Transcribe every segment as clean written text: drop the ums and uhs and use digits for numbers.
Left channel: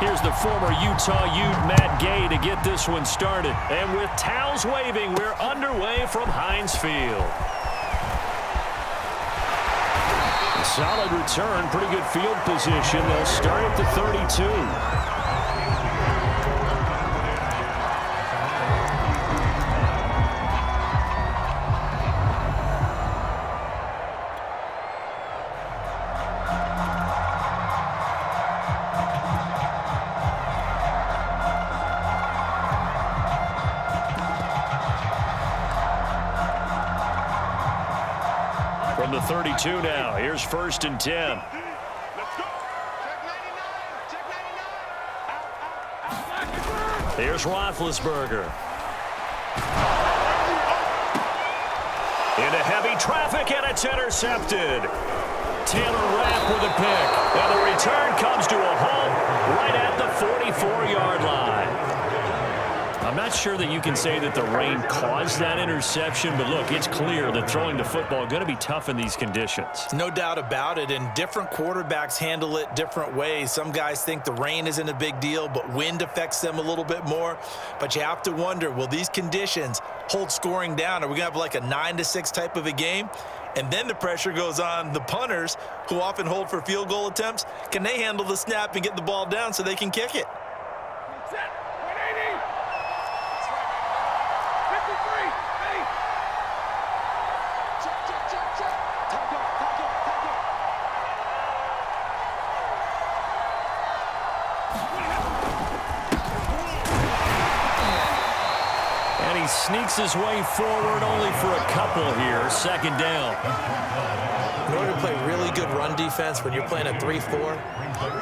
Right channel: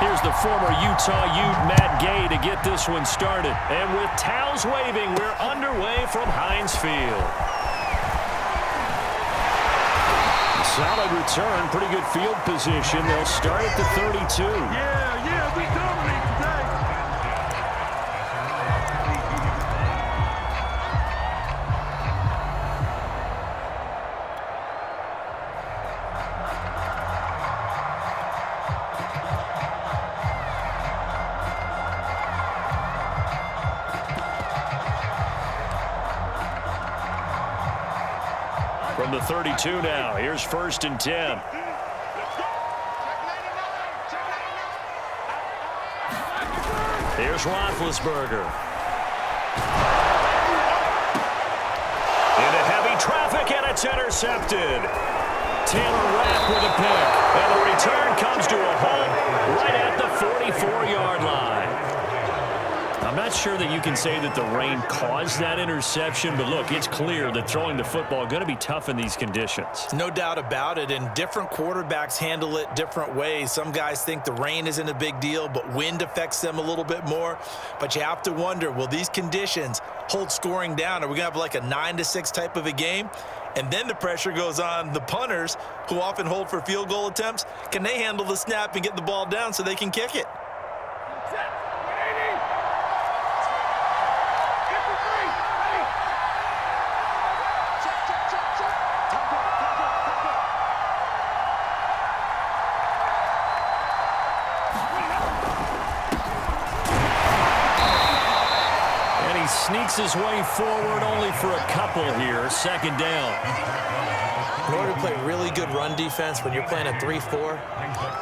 Here's the former Utah Ute Matt Gay to get this one started. And with towels waving, we're underway from Heinz Field. A solid return, pretty good field position. They'll start at the 32. From the 32 now, here's 1st and 10. Let's go. Check 99. Check 99. Here's Roethlisberger. Into heavy traffic, and it's intercepted. Taylor Rapp with a pick. And the return comes to a halt right at the 44-yard line. I'm not sure that you can say that the rain caused that interception, but look, it's clear that throwing the football is going to be tough in these conditions. No doubt about it, and different quarterbacks handle it different ways. Some guys think the rain isn't a big deal, but wind affects them a little bit more. But you have to wonder, will these conditions hold scoring down? Are we going to have like a 9-6 type of a game? And then the pressure goes on the punters, who often hold for field goal attempts. Can they handle the snap and get the ball down so they can kick it? Set. 180. That's right. 53. Ready. Check. Time go. And he sneaks his way forward only for a couple here. 2nd down. In order to play really good run defense when you're playing a 3-4,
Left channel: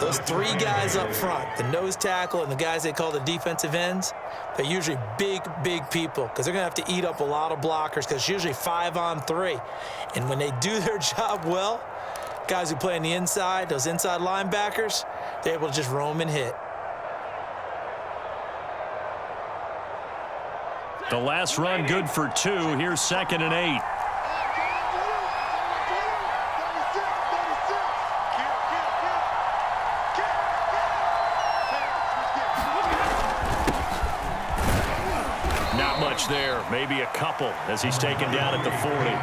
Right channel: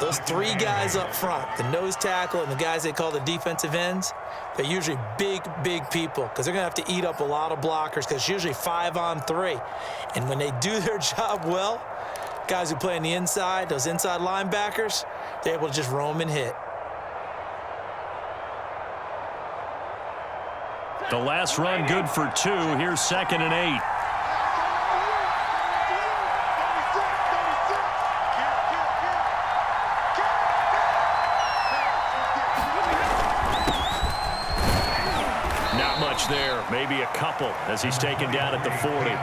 those 3 guys up front, the nose tackle and the guys they call the defensive ends, they're usually big people because they're going to have to eat up a lot of blockers because it's usually 5-on-3. And when they do their job well, guys who play on the inside, those inside linebackers, they're able to just roam and hit. The last run good for 2. Here's 2nd and 8. Not much there, maybe a couple as he's taken down at the 40.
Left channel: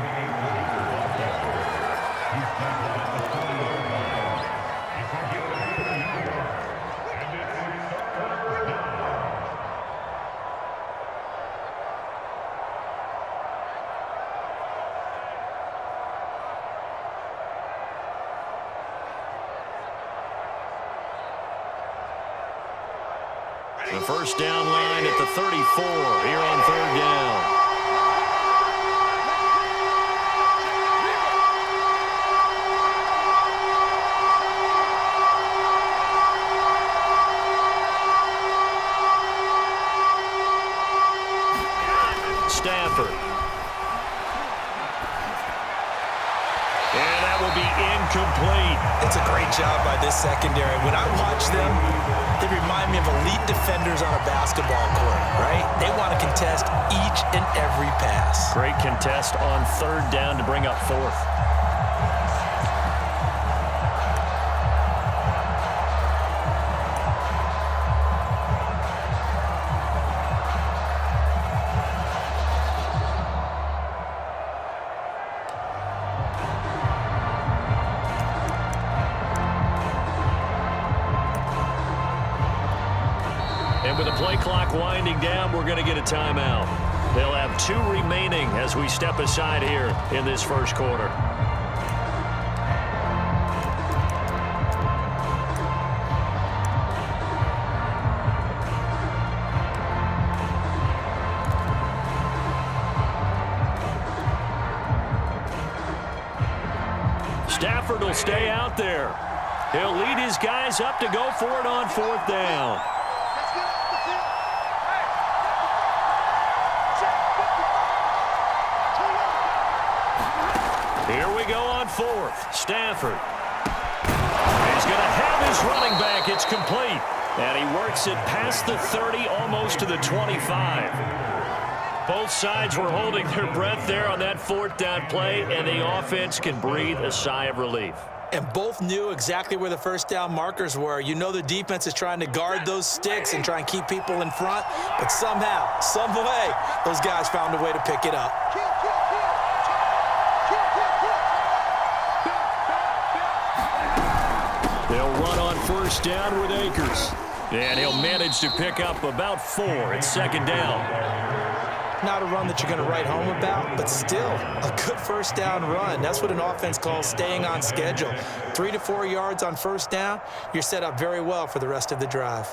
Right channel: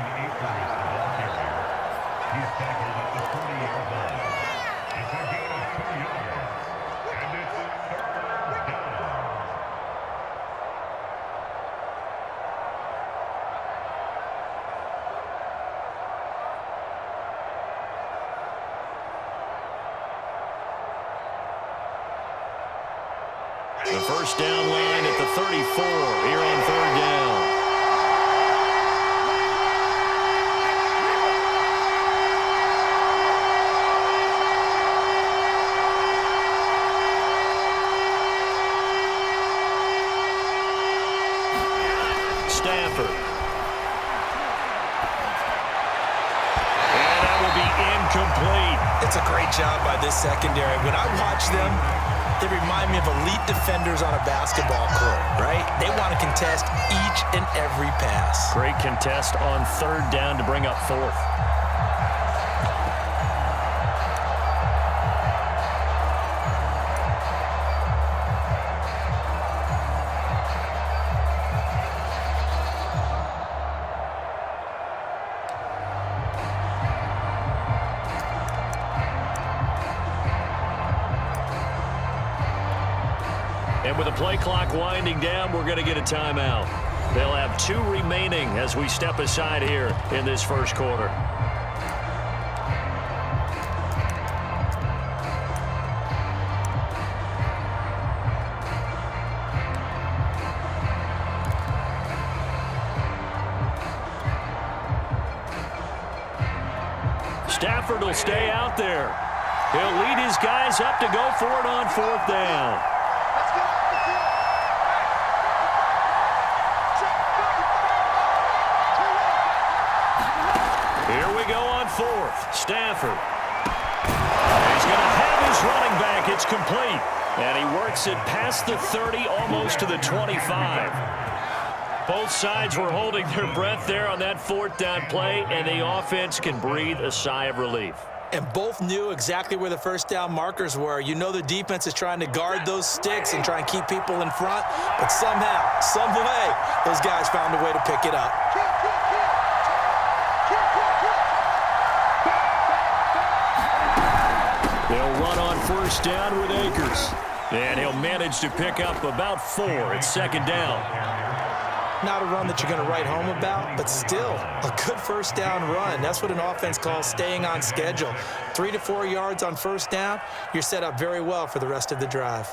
The first down line at the 34 here on 3rd down. Stafford. And that will be incomplete. It's a great job by this secondary. When I watch them, they remind me of elite defenders on a basketball court, right? They want to contest each and every pass. Great contest on 3rd down to bring up 4th. And with the play clock winding down, we're going to get a timeout. They'll have 2 remaining as we step aside here in this first quarter. Stafford will stay out there. He'll lead his guys up to go for it on 4th down. Here we go on 4th. Stafford. He's going to have his running back. It's complete. And he works it past the 30, almost to the 25. Both sides were holding their breath there on that 4th down play, and the offense can breathe a sigh of relief. And both knew exactly where the first down markers were. You know the defense is trying to guard those sticks and try and keep people in front, but somehow, some way, those guys found a way to pick it up. They'll run on first down with Akers. And he'll manage to pick up about 4 at second down. Not a run that you're going to write home about, but still a good first down run. That's what an offense calls staying on schedule. 3 to 4 yards on first down, you're set up very well for the rest of the drive.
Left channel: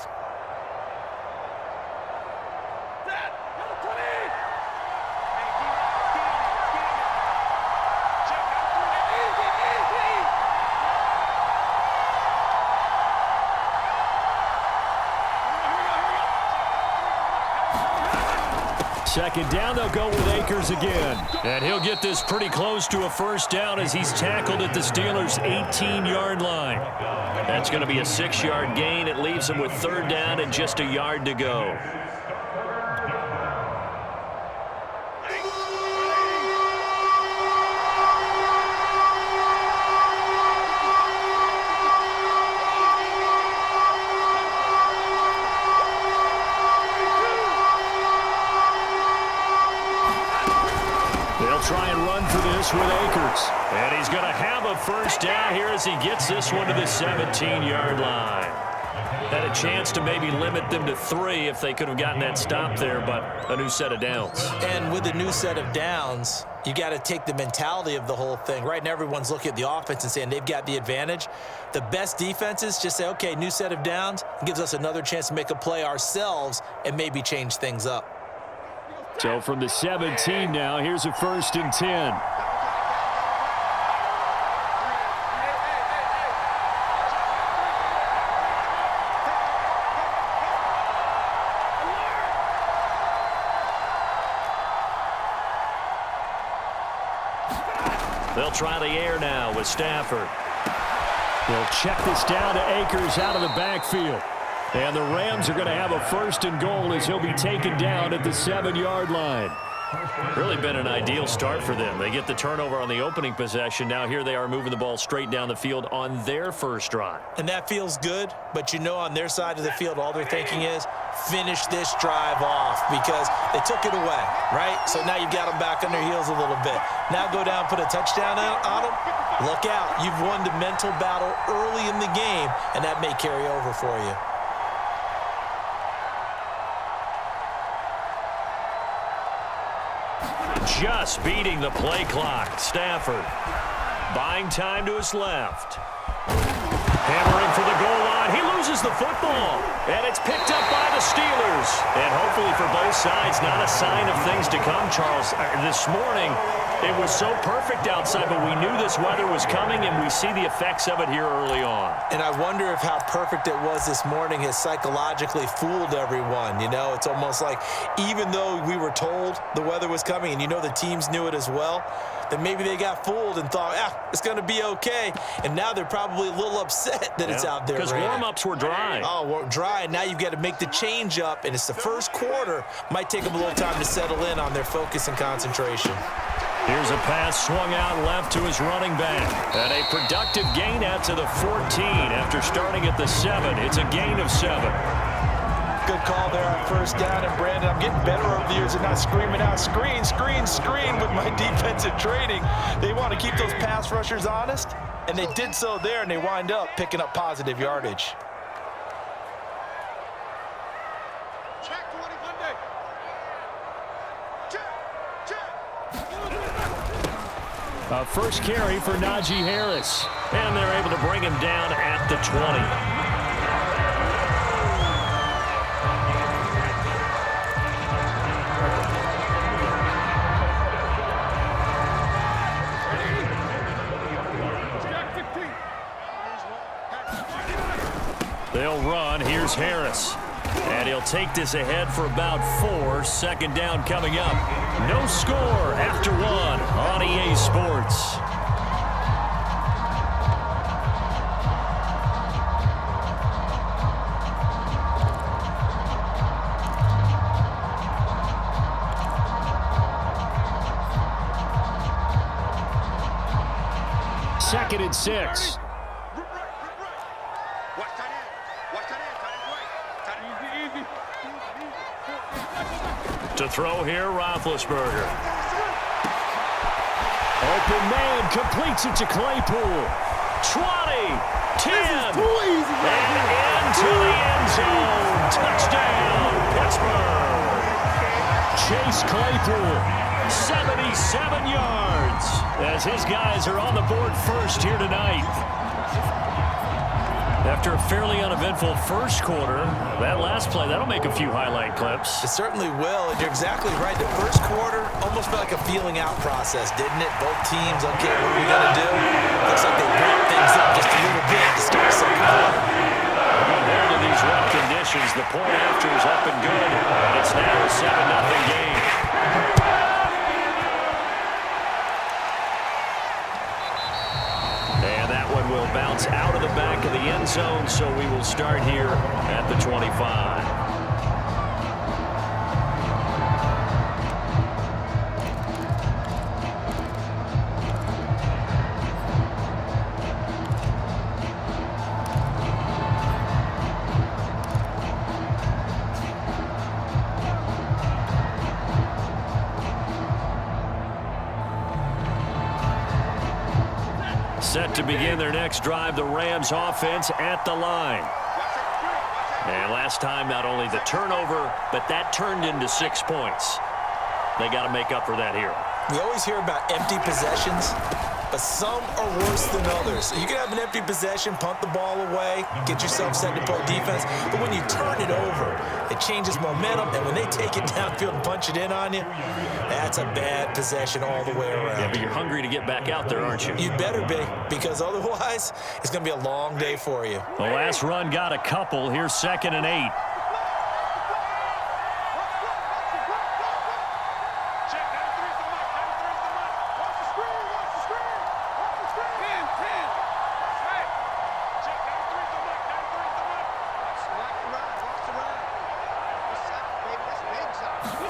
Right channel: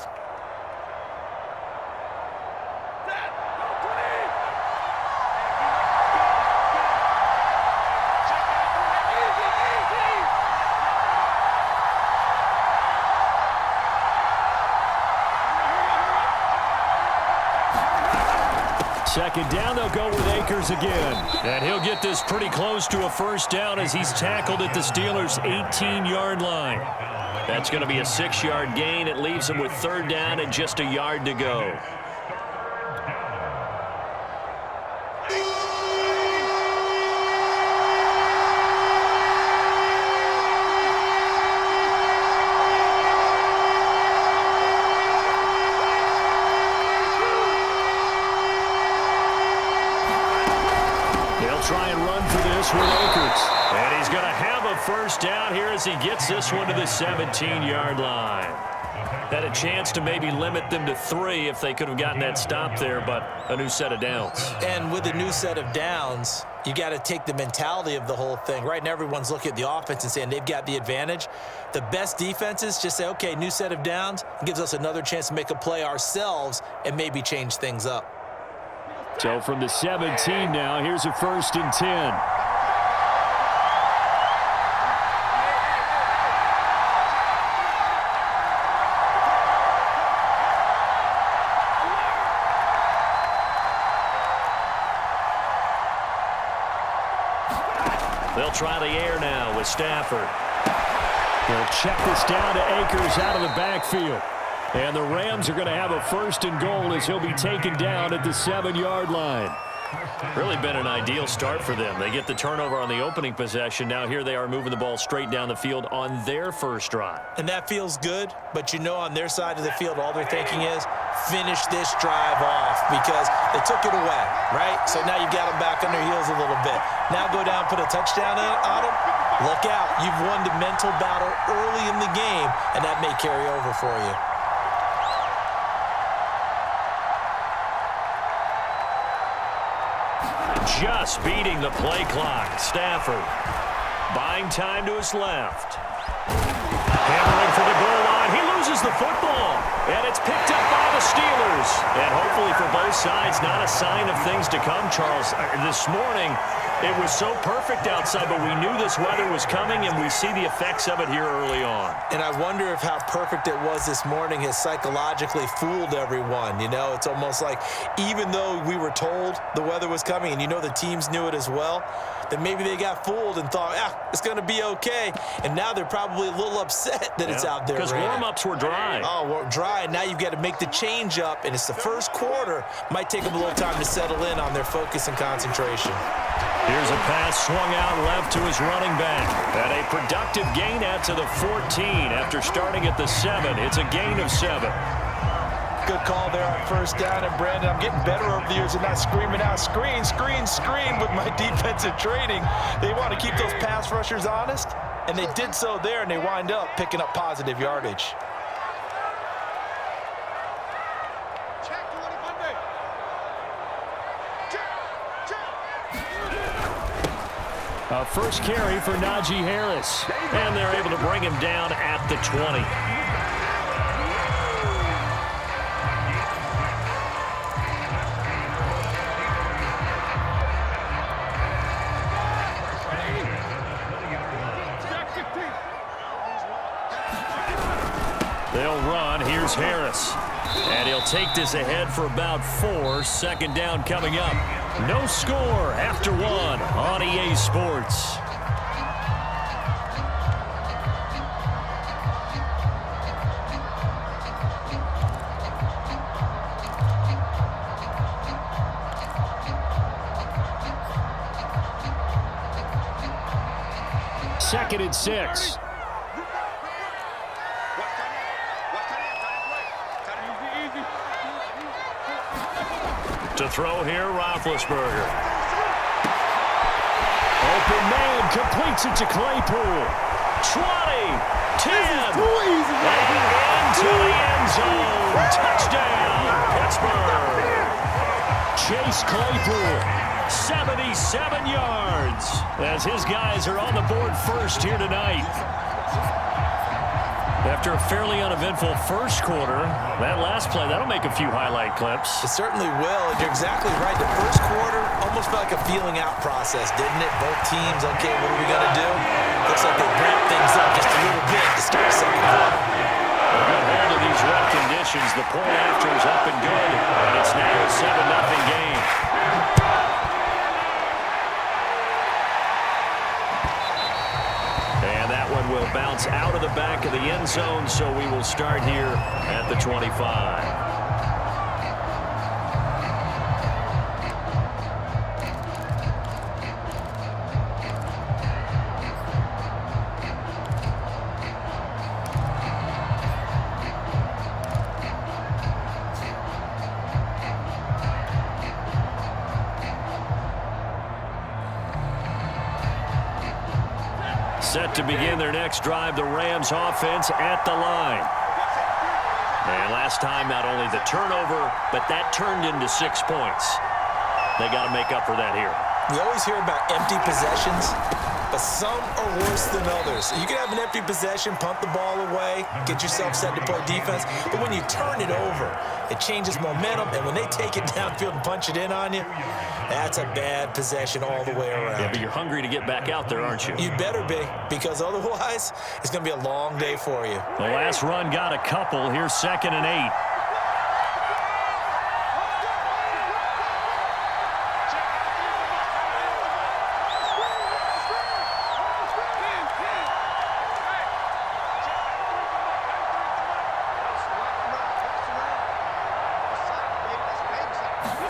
Second down, they'll go with Akers again. And he'll get this pretty close to a first down as he's tackled at the Steelers' 18-yard line. That's going to be a 6-yard gain. It leaves him with third down and just a yard to go. Try and run for this with Akers. And he's going to have a first down here as he gets this one to the 17-yard line. Had a chance to maybe limit them to 3 if they could have gotten that stop there, but a new set of downs. And with a new set of downs, you got to take the mentality of the whole thing. Right now, everyone's looking at the offense and saying they've got the advantage. The best defenses just say, okay, new set of downs. It gives us another chance to make a play ourselves and maybe change things up. So from the 17 now, here's a 1st and 10. They'll try the air now with Stafford. He'll check this down to Akers out of the backfield. And the Rams are going to have a 1st and goal as he'll be taken down at the 7-yard line. Really been an ideal start for them. They get the turnover on the opening possession. Now here they are moving the ball straight down the field on their first drive. And that feels good, but you know on their side of the field, all they're thinking is finish this drive off because they took it away, right? So now you've got them back on their heels a little bit. Now go down, put a touchdown on them. Look out. You've won the mental battle early in the game, and that may carry over for you. Just beating the play clock. Stafford buying time to his left. Hammering for the goal line. He loses the football. And it's picked up by the Steelers. And hopefully for both sides, not a sign of things to come, Charles. This morning, it was so perfect outside, but we knew this weather was coming, and we see the effects of it here early on. And I wonder if how perfect it was this morning has psychologically fooled everyone. You know, it's almost like even though we were told the weather was coming, and you know the teams knew it as well, that maybe they got fooled and thought, it's going to be okay. And now they're probably a little upset that it's out there. Because warm-ups were dry. Oh, well, dry. Now you've got to make the change up, and it's the first quarter. Might take them a little time to settle in on their focus and concentration. Here's a pass swung out left to his running back. And a productive gain out to the 14 after starting at the 7. It's a gain of 7. Good call there on first down. And, Brandon, I'm getting better over the years at not screaming out, screen, screen, screen with my defensive training. They want to keep those pass rushers honest, and they did so there, and they wind up picking up positive yardage. Check 20 Monday. A first carry for Najee Harris. And they're able to bring him down at the 20. They'll run. Here's Harris. And he'll take this ahead for about 4. Second down coming up. No score after 1 on EA Sports. Second and 6. To throw here, Roethlisberger. Open man, completes it to Claypool. 20, 10, and into the end zone. Touchdown, Pittsburgh. Chase Claypool, 77 yards, as his guys are on the board first here tonight. After a fairly uneventful first quarter, that last play, that'll make a few highlight clips. It certainly will, and you're exactly right. The first quarter almost felt like a feeling out process, didn't it? Both teams, okay, what are we going to do? Looks like they ramped things up just a little bit to start the second quarter. A good hold of these rough conditions. The point after is up and good, and it's now a 7-0 game. And that one will bounce out of the back of the end zone, so we will start here at the 25. Set to begin their next drive, the Rams offense at the line. And last time, not only the turnover, but that turned into 6 points. They got to make up for that here. We always hear about empty possessions, but some are worse than others. You can have an empty possession, punt the ball away, get yourself set to play defense, but when you turn it over, it changes momentum, and when they take it downfield and punch it in on you, that's a bad possession all the way around. Yeah, but you're hungry to get back out there, aren't you? You better be, because otherwise, it's going to be a long day for you. The last run got a couple. Here's 2nd and 8.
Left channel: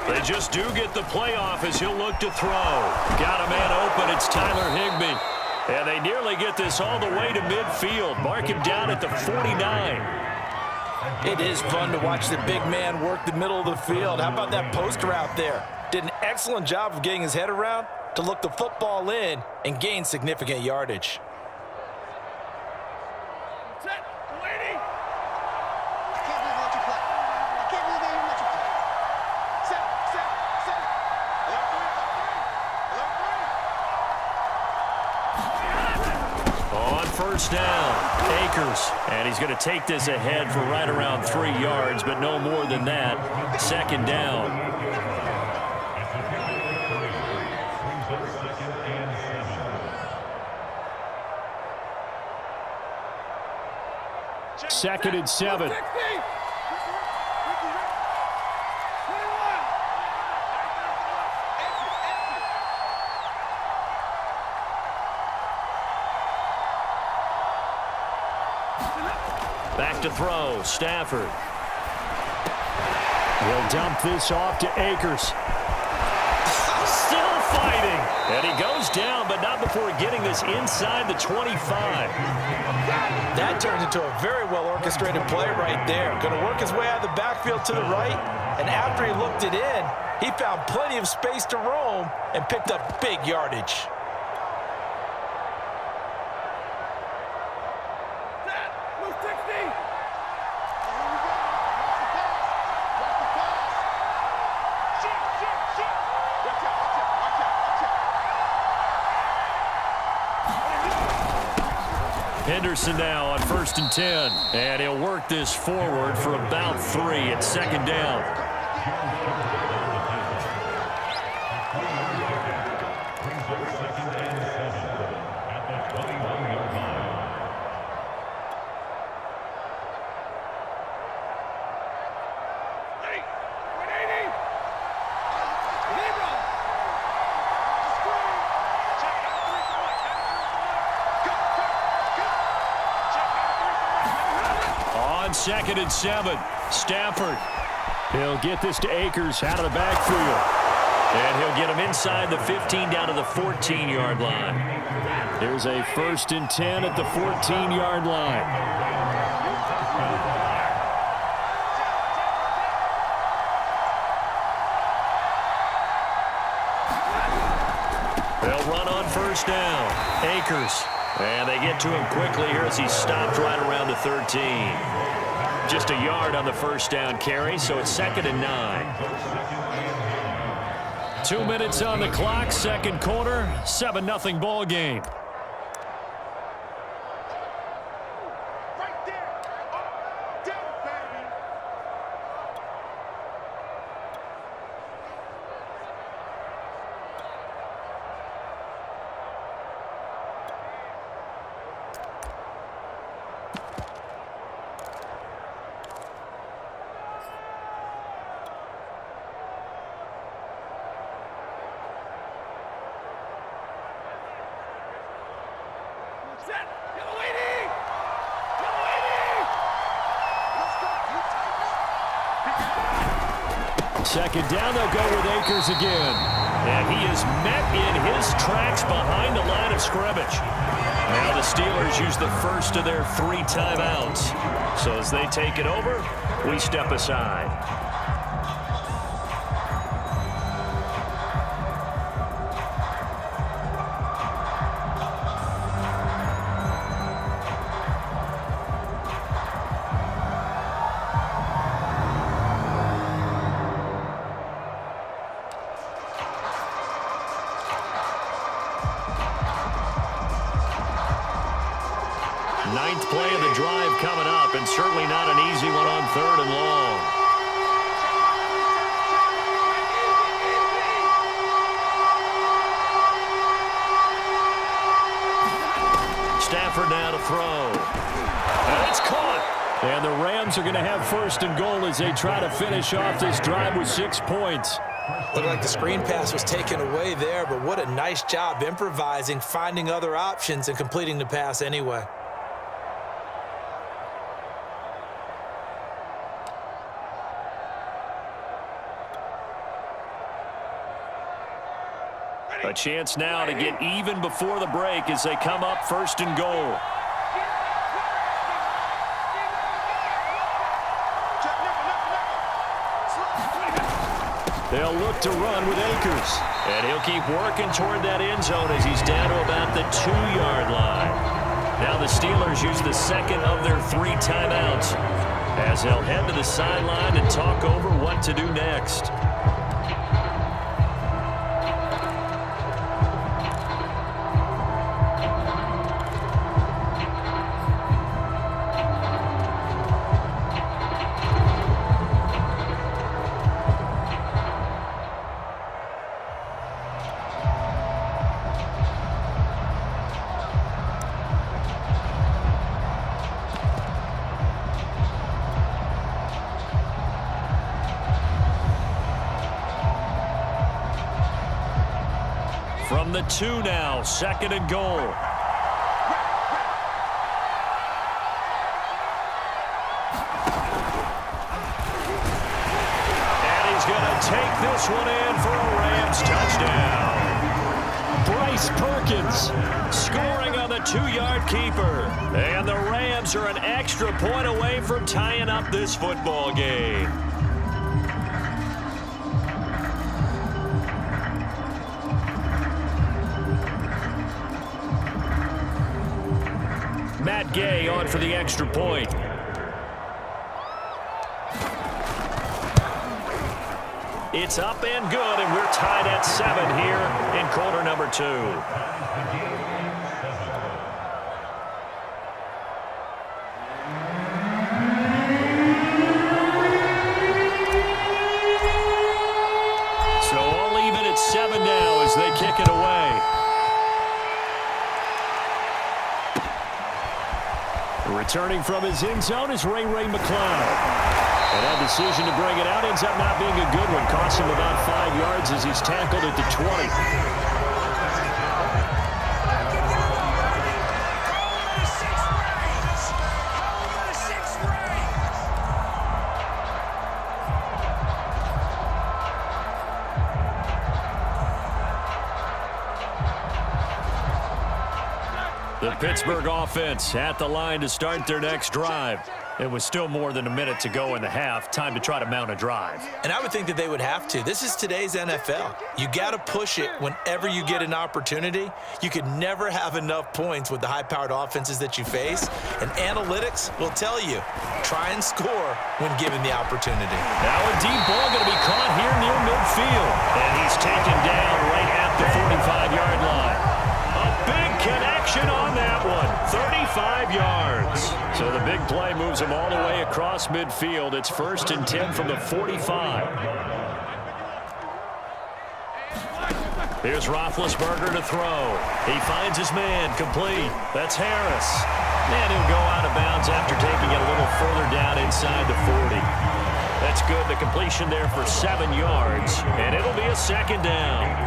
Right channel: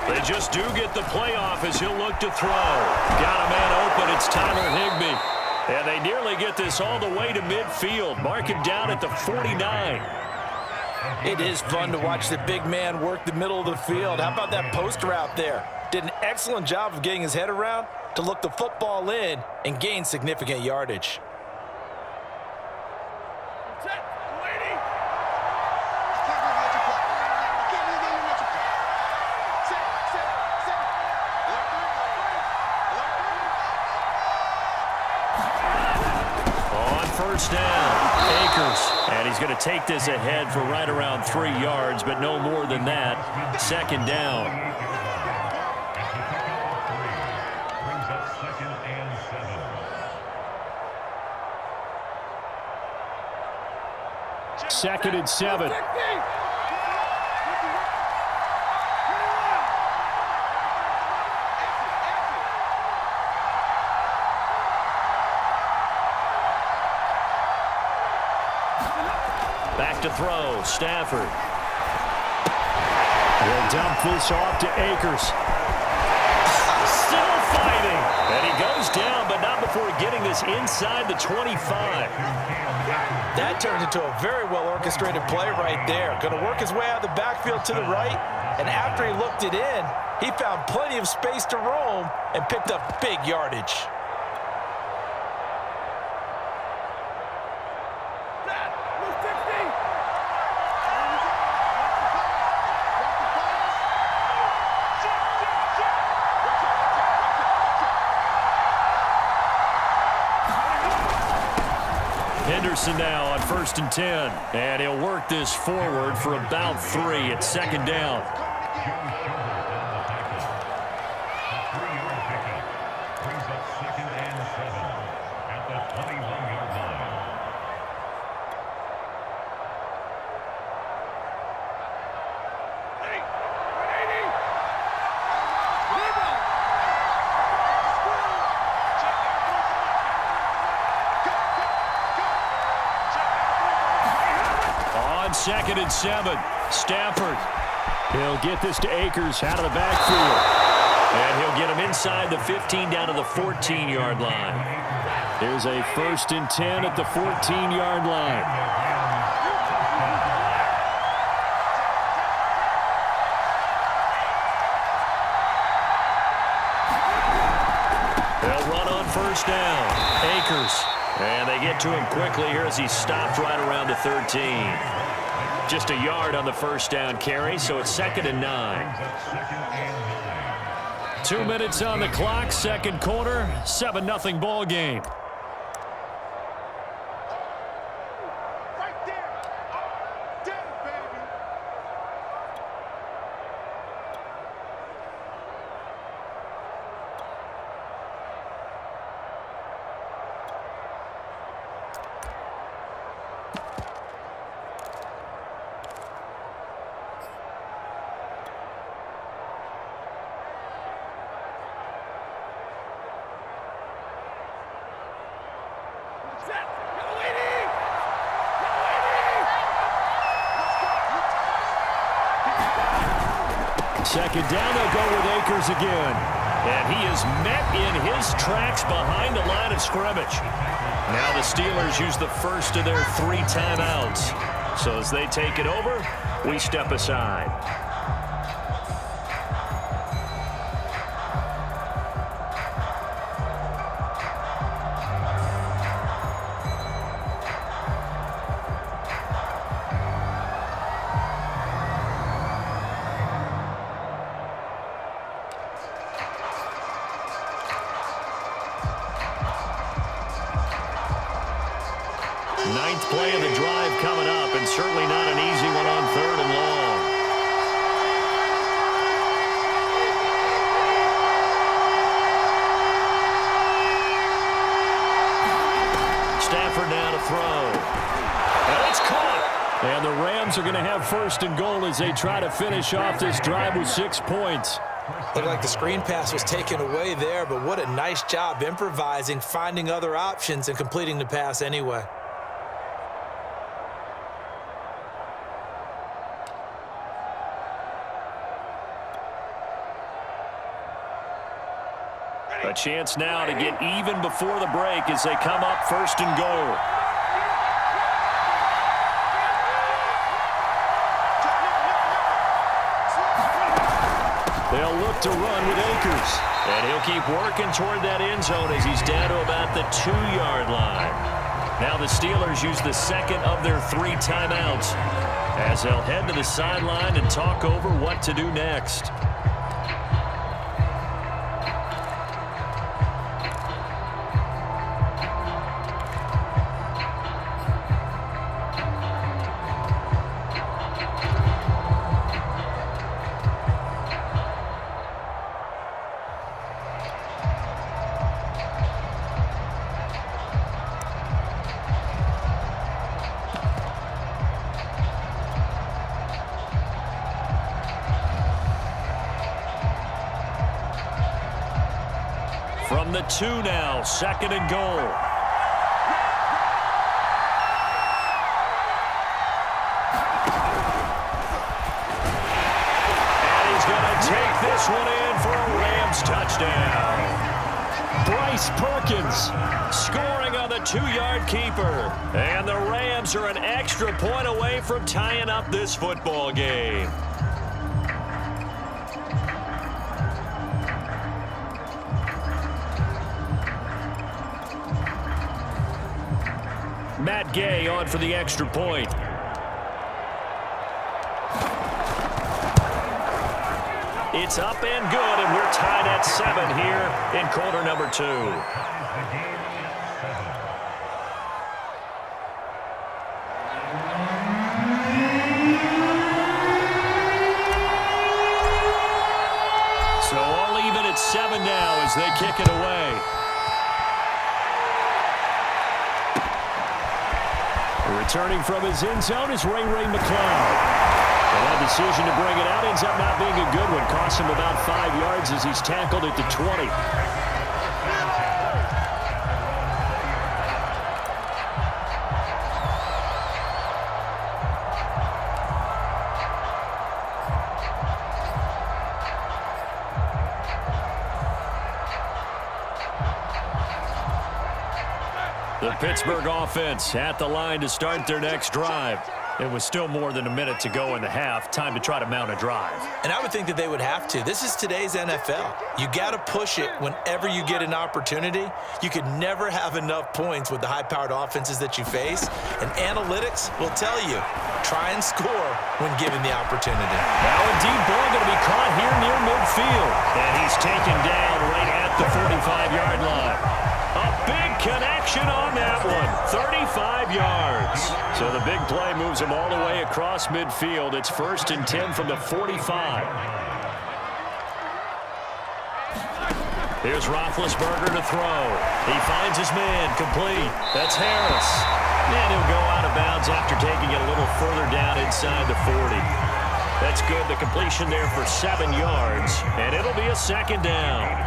They just do get the playoff as he'll look to throw. Got a man open. It's Tyler Higbee. And they nearly get this all the way to midfield. Mark him down at the 49. It is fun to watch the big man work the middle of the field. How about that post route there? Did an excellent job of getting his head around to look the football in and gain significant yardage. First down, Akers, and he's going to take this ahead for right around 3 yards, but no more than that. 2nd down. Brings up 2nd and 7. 2nd and 7. Back to throw, Stafford. He'll dump this off to Akers. Still fighting. And he goes down, but not before getting this inside the 25. That turned into a very well-orchestrated play right there. Going to work his way out of the backfield to the right, and after he looked it in, he found plenty of space to roam and picked up big yardage. Henderson now on 1st and 10. And he'll work this forward for about 3 at 2nd down. Brings up 2nd and 7 at the 21-yard line. On 2nd and 7, Stafford. He'll get this to Akers out of the backfield. And he'll get him inside the 15 down to the 14-yard line. There's a 1st and 10 at the 14-yard line. first down. Akers. And they get to him quickly here as he stopped right around the 13. Just a yard on the first down carry, so it's 2nd and 9. 2 minutes on the clock, second quarter, 7-0 ball game. Right there. All day, baby. Set. Yellow 80. Yellow 80. Let's go. You tighten it. Second down, they'll go with Akers again. And he is met in his tracks behind the line of scrimmage. Now the Steelers use the first of their 3 timeouts. So as they take it over, we step aside. Ninth play of the drive coming up, and certainly not an easy one on 3rd and long. Stafford now to throw. And it's caught. And the Rams are going to have 1st and goal as they try to finish off this drive with 6 points. Looked like the screen pass was taken away there, but what a nice job improvising, finding other options, and completing the pass anyway. A chance now to get even before the break as they come up 1st and goal. They'll look to run with Akers. And he'll keep working toward that end zone as he's down to about the 2-yard line. Now the Steelers use the 2nd of their 3 timeouts as they'll head to the sideline and talk over what to do next. From the 2 now, 2nd and goal. And he's going to take this one in for a Rams touchdown. Bryce Perkins scoring on the 2-yard keeper. And the Rams are an extra point away from tying up this football game. Matt Gay on for the extra point. It's up and good, and we're tied at 7 here in quarter number 2. So all even at 7 now as they kick it away. Returning from his end zone is Ray McCloud. And that decision to bring it out ends up not being a good one. Costs him about 5 yards as he's tackled at the 20. The Pittsburgh offense at the line to start their next drive. It was still more than a minute to go in the half. Time to try to mount a drive. And I would think that they would have to. This is today's NFL. You got to push it whenever you get an opportunity. You could never have enough points with the high-powered offenses that you face. And analytics will tell you, try and score when given the opportunity. Now a deep ball going to be caught here near midfield. And he's taken down right at the 45-yard line. A big connection on that one. 35 yards. So the big play moves him all the way across midfield. It's 1st and 10 from the 45. Here's Roethlisberger to throw. He finds his man, complete. That's Harris. And he'll go out of bounds after taking it a little further down inside the 40. That's good. The completion there for 7 yards. And it'll be a 2nd down.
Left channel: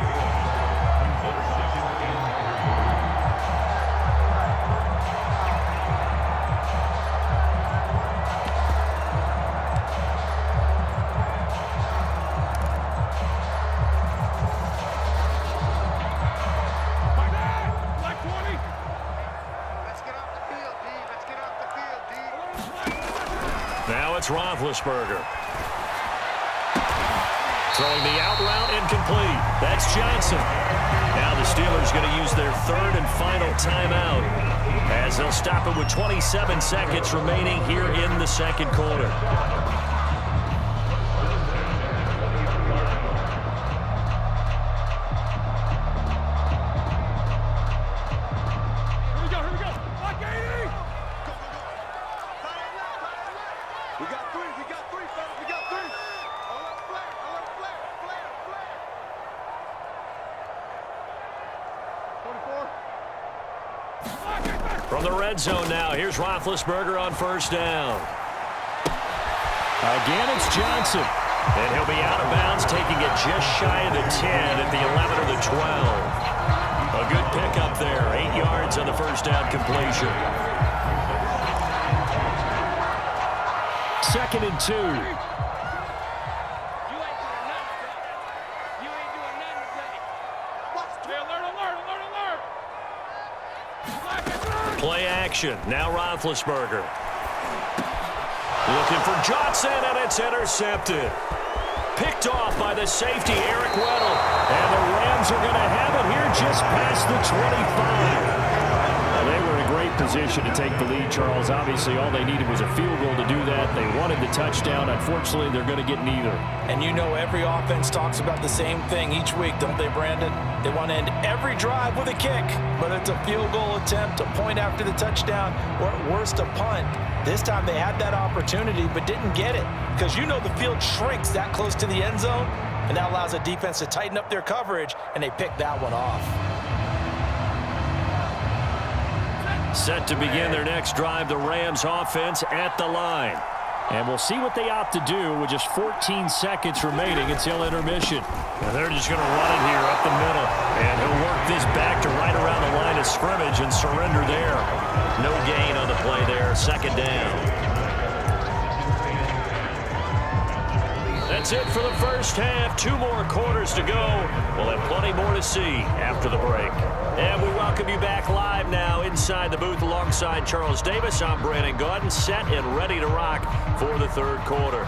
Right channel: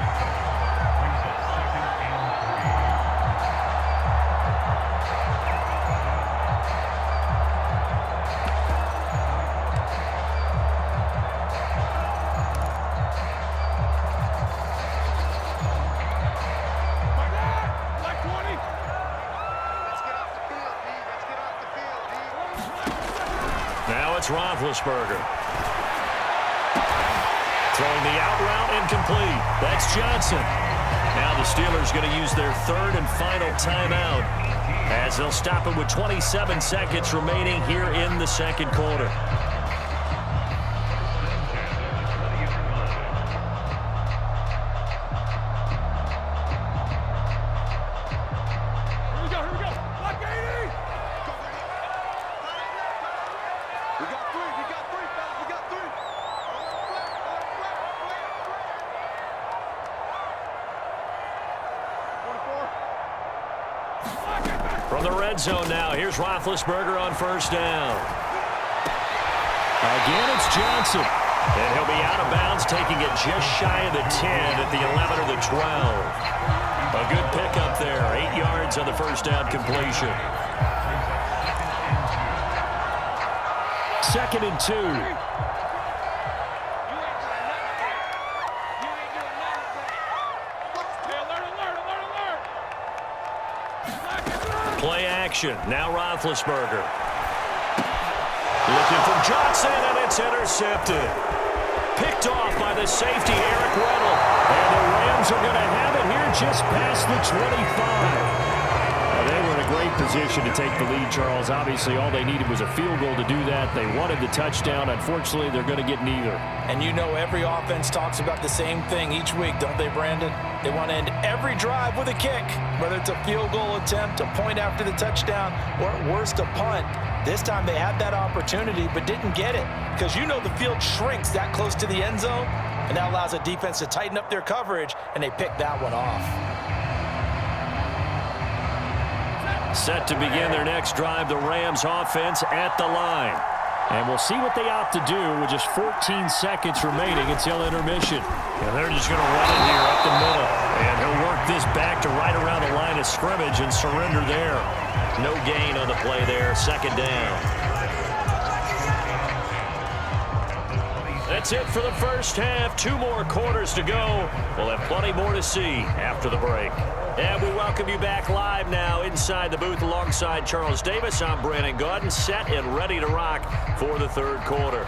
Now it's Roethlisberger. Throwing the out route incomplete. That's Johnson. Now the Steelers going to use their 3rd and final timeout as they'll stop it with 27 seconds remaining here in the 2nd quarter. From the red zone now, here's Roethlisberger on 1st down. Again, it's Johnson. And he'll be out of bounds, taking it just shy of the 10 at the 11 or the 12. A good pickup there, 8 yards on the 1st down completion. 2nd and 2. Play action. Now Roethlisberger. Looking for Johnson, and it's intercepted. Picked off by the safety, Eric Weddle. And the Rams are going to have it here just past the 25. They were in a great position to take the lead, Charles. Obviously, all they needed was a field goal to do that. They wanted the touchdown. Unfortunately, they're going to get neither. And you know every offense talks about the same thing each week, don't they, Brandon? They want to end every drive with a kick, whether it's a field goal attempt, a point after the touchdown, or at worst a punt. This time they had that opportunity but didn't get it because you know the field shrinks that close to the end zone, and that allows a defense to tighten up their coverage, and they picked that one off. Set to begin their next drive, the Rams offense at the line. And we'll see what they opt to do with just 14 seconds remaining until intermission. And they're just going to run it here up the middle. And he'll work this back to right around the line of scrimmage and surrender there. No gain on the play there, 2nd down. That's it for the 1st half. 2 more quarters to go. We'll have plenty more to see after the break. And we welcome you back live now inside the booth alongside Charles Davis. I'm Brandon Gaudin, set and ready to rock for the 3rd quarter.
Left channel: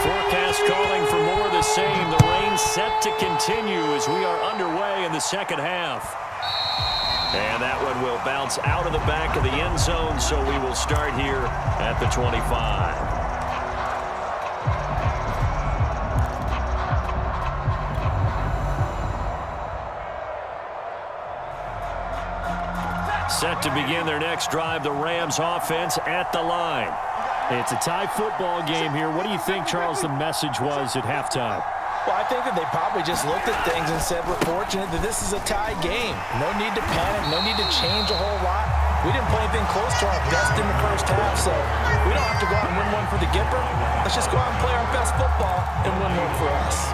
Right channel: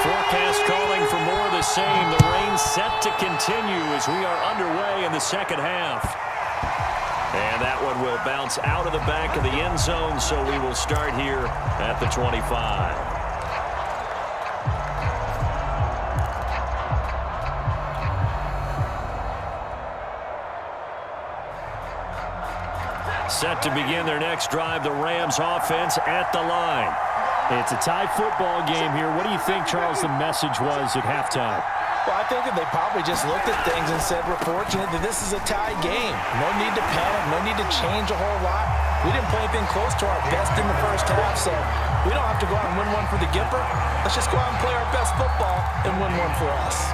Forecast calling for more of the same. The rain set to continue as we are underway in the 2nd half. And that one will bounce out of the back of the end zone, so we will start here at the 25. Set to begin their next drive, the Rams offense at the line. It's a tie football game here. What do you think, Charles, the message was at halftime? Well, I think that they probably just looked at things and said, we're fortunate that this is a tie game. No need to panic, no need to change a whole lot. We didn't play anything close to our best in the 1st half, so we don't have to go out and win one for the Gipper. Let's just go out and play our best football and win one for us.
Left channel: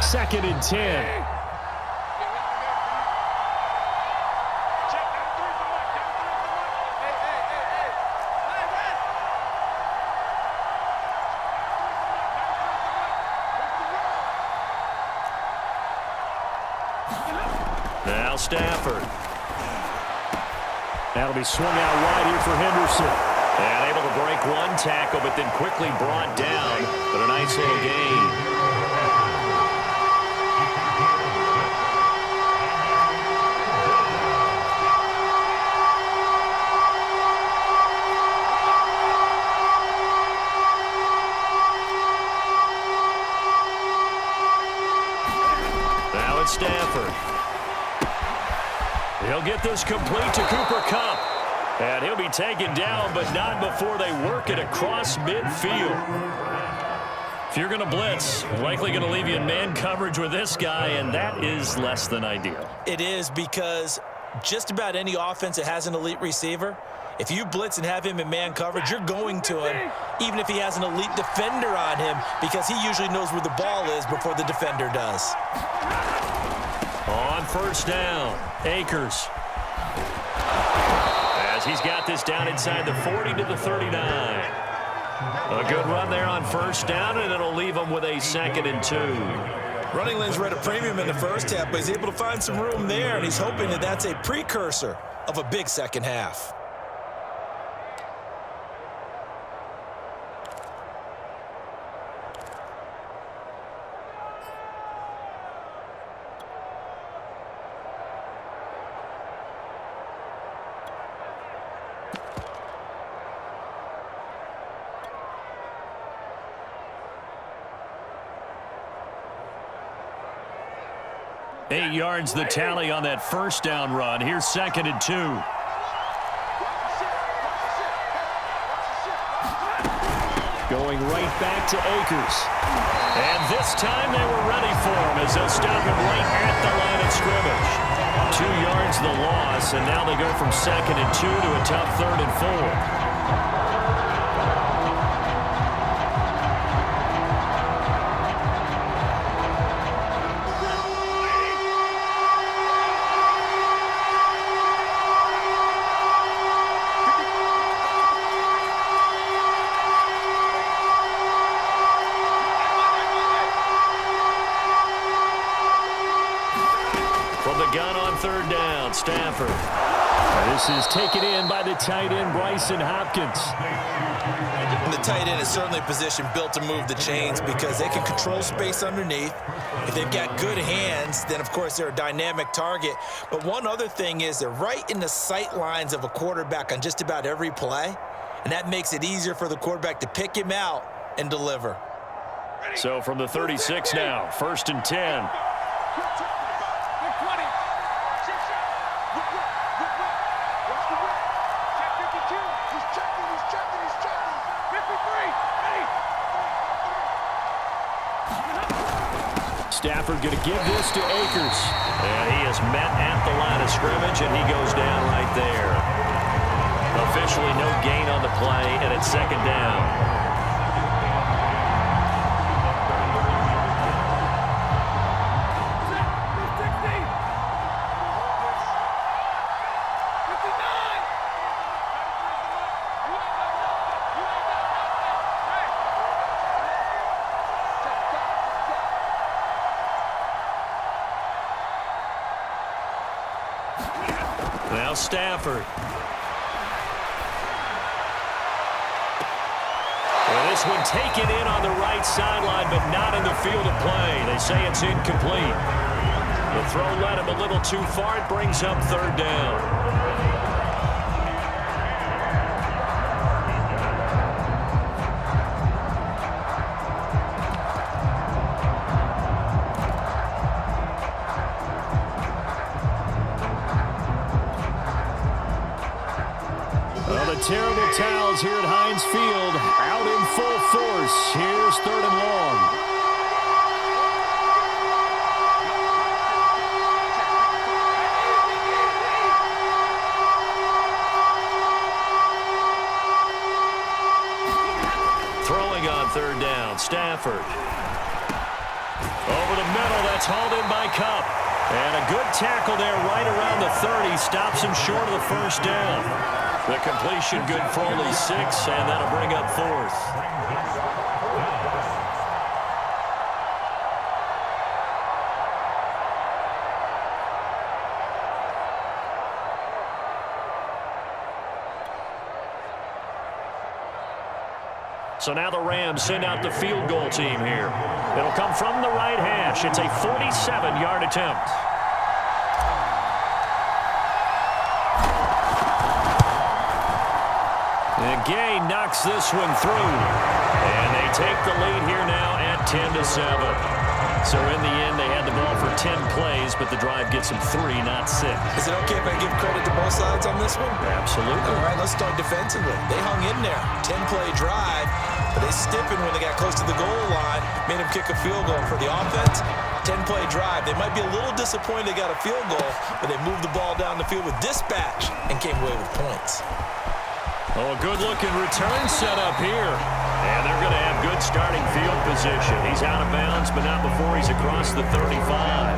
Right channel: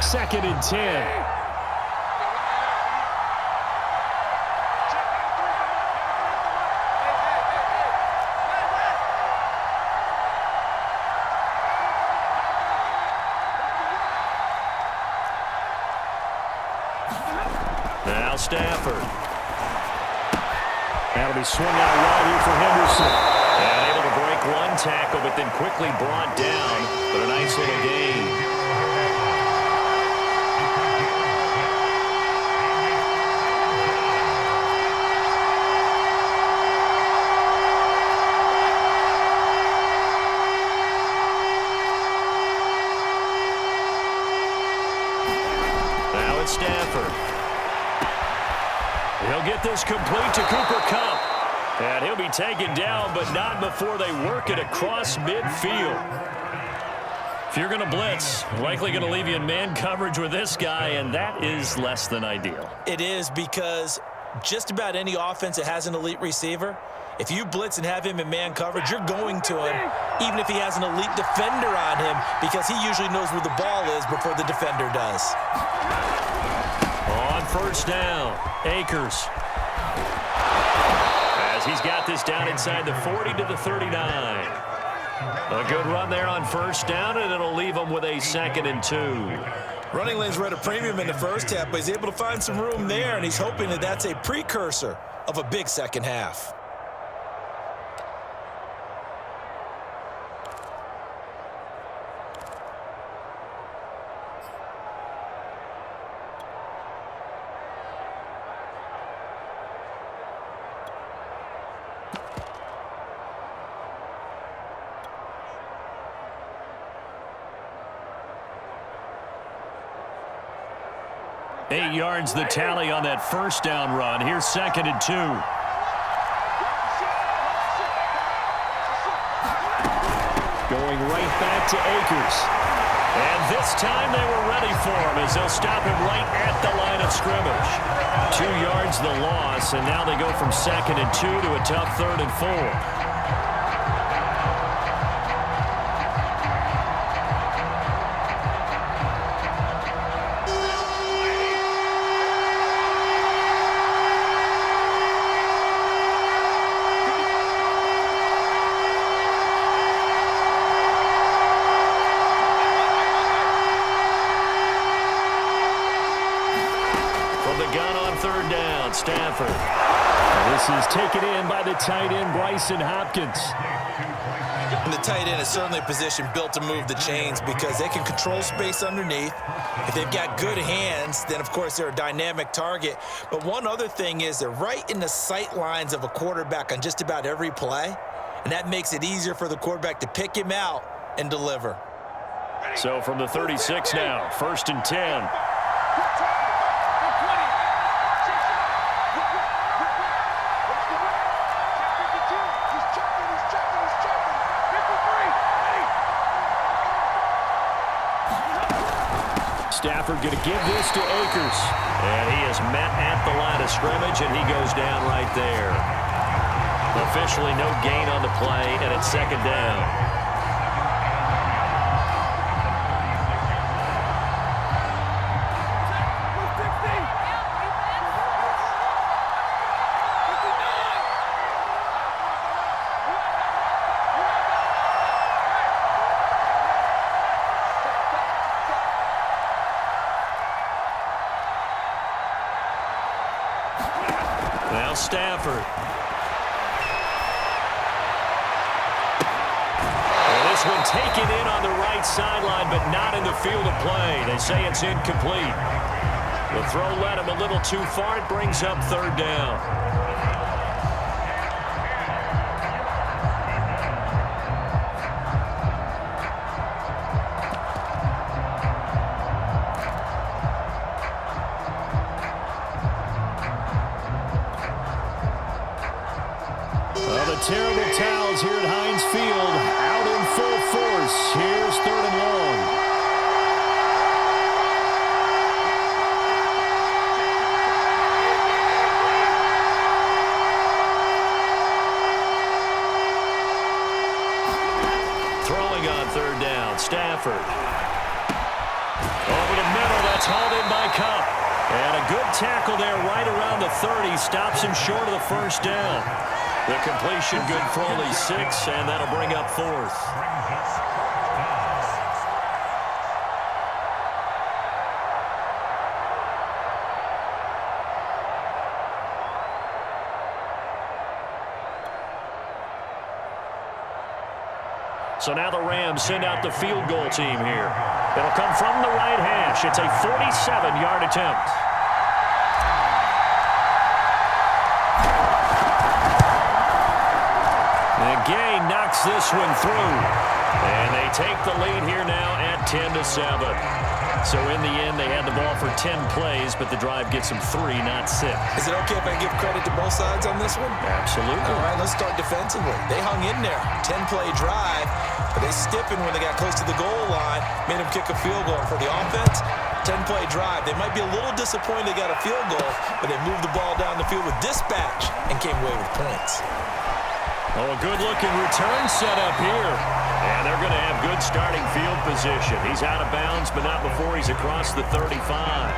Second and 10. Now Stafford. That'll be swung out wide here for Henderson. And able to break one tackle, but then quickly brought down. But a nice little gain. Now it's Stafford. He'll get this complete to Cooper Kupp. And he'll be taken down, but not before they work it across midfield. If you're going to blitz, likely going to leave you in man coverage with this guy, and that is less than ideal. It is, because just about any offense that has an elite receiver, if you blitz and have him in man coverage, you're going to him, even if he has an elite defender on him, because he usually knows where the ball is before the defender does. On first down, Akers. As he's got this down inside the 40 to the 39. A good run there on first down, and it'll leave him with a 2nd and 2. Running lanes were at a premium in the first half, but he's able to find some room there, and he's hoping that that's a precursor of a big second half. Eight yards the tally on that first down run. Here's 2nd and 2. Going right back to Akers. And this time they were ready for him as they'll stop him right at the line of scrimmage. 2 yards the loss, and now they go from 2nd and 2 to a tough 3rd and 4. From the gun on 3rd down, Stafford. This is taken in by the tight end, Bryson Hopkins. And the tight end is certainly a position built to move the chains because they can control space underneath. If they've got good hands, then, of course, they're a dynamic target. But one other thing is they're right in the sight lines of a quarterback on just about every play, and that makes it easier for the quarterback to pick him out and deliver. So from the 36 now, 1st and 10. Stafford going to give this to Akers. And he is met at the line of scrimmage, and he goes down right there. Officially no gain on the play, and it's 2nd down. Now Stafford. Well, this one taken in on the right sideline, but not in the field of play. They say it's incomplete. The throw led him a little too far. It brings up 3rd down. The terrible towels here at Heinz Field out in full force. Here's 3rd and long. Throwing on 3rd down, Stafford. Over the middle, that's hauled in by Kupp. And a good tackle there right around the 30. Stops him short of the 1st down. The completion good for only 6, and that'll bring up 4th. So now the Rams send out the field goal team here. It'll come from the right hash. It's a 47-yard attempt. And Gay knocks this one through. And they take the lead here now at 10-7. So in the end, they had the ball for 10 plays, but the drive gets them 3, not 6. Is it okay if I give credit to both sides on this one? Absolutely. All right, let's start defensively. They hung in there. 10-play drive, but they stiffened when they got close to the goal line, made them kick a field goal. For the offense, 10-play drive. They might be a little disappointed they got a field goal, but they moved the ball down the field with dispatch and came away with points. Oh, a good-looking return set up here. And they're going to have good starting field position. He's out of bounds, but not before he's across the 35.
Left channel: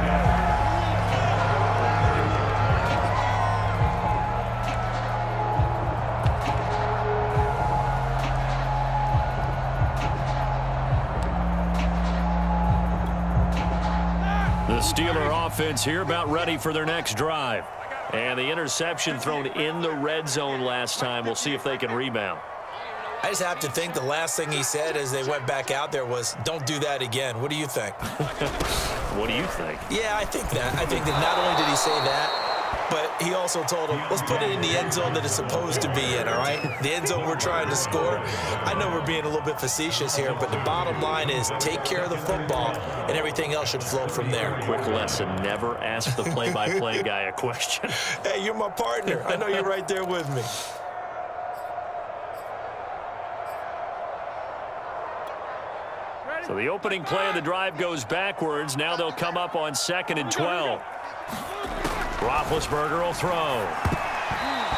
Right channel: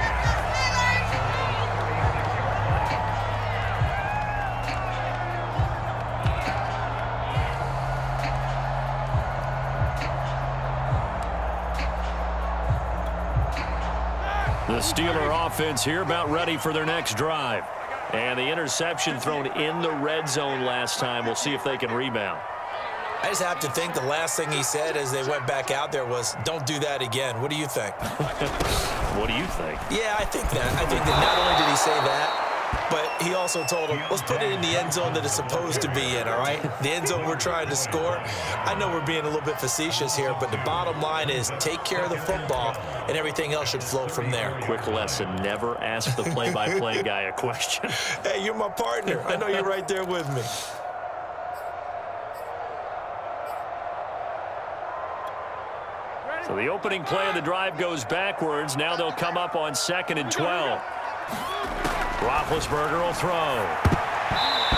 The Steeler offense here about ready for their next drive. And the interception thrown in the red zone last time. We'll see if they can rebound. I just have to think the last thing he said as they went back out there was, don't do that again. What do you think? What do you think? Yeah, I think that. I think that not only did he say that, but he also told him, let's put it in the end zone that it's supposed to be in, all right? The end zone we're trying to score. I know we're being a little bit facetious here, but the bottom line is take care of the football, and everything else should flow from there. Quick lesson, never ask the play-by-play guy a question. Hey, you're my partner. I know you're right there with me. So the opening play of the drive goes backwards. Now they'll come up on 2nd and 12. Roethlisberger will throw.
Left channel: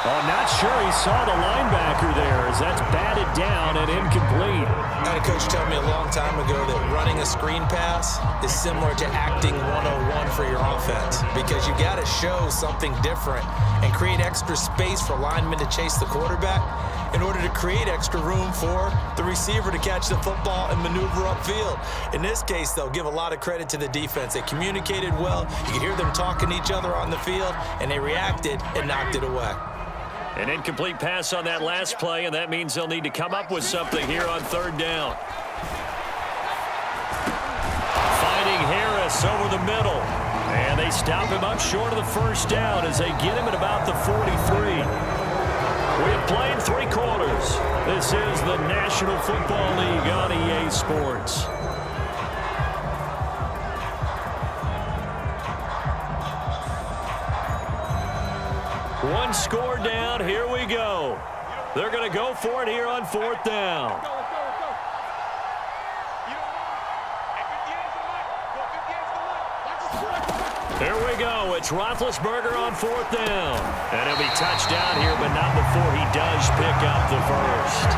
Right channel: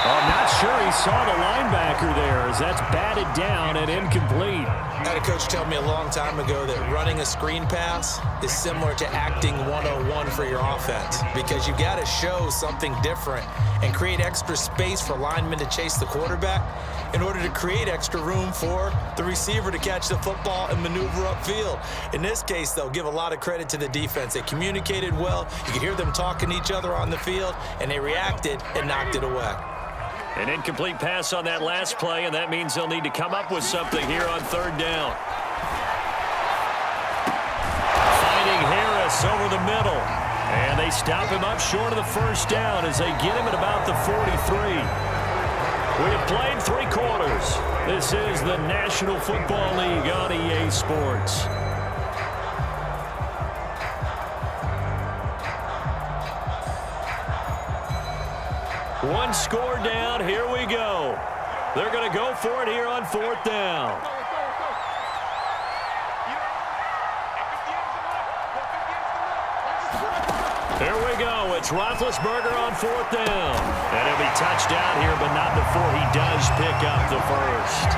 Oh, not sure he saw the linebacker there as that's batted down and incomplete. I had a coach tell me a long time ago that running a screen pass is similar to acting 101 for your offense because you've got to show something different and create extra space for linemen to chase the quarterback in order to create extra room for the receiver to catch the football and maneuver upfield. In this case, they'll give a lot of credit to the defense. They communicated well. You could hear them talking to each other on the field, and they reacted and knocked it away. An incomplete pass on that last play, and that means they'll need to come up with something here on 3rd down. Finding Harris over the middle. And they stop him up short of the 1st down as they get him at about the 43. We have played 3 quarters. This is the National Football League on EA Sports. One score down. Here we go. They're going to go for it here on 4th down. There we go. It's Roethlisberger on 4th down. And he'll be touched down here, but not before he does pick up the first.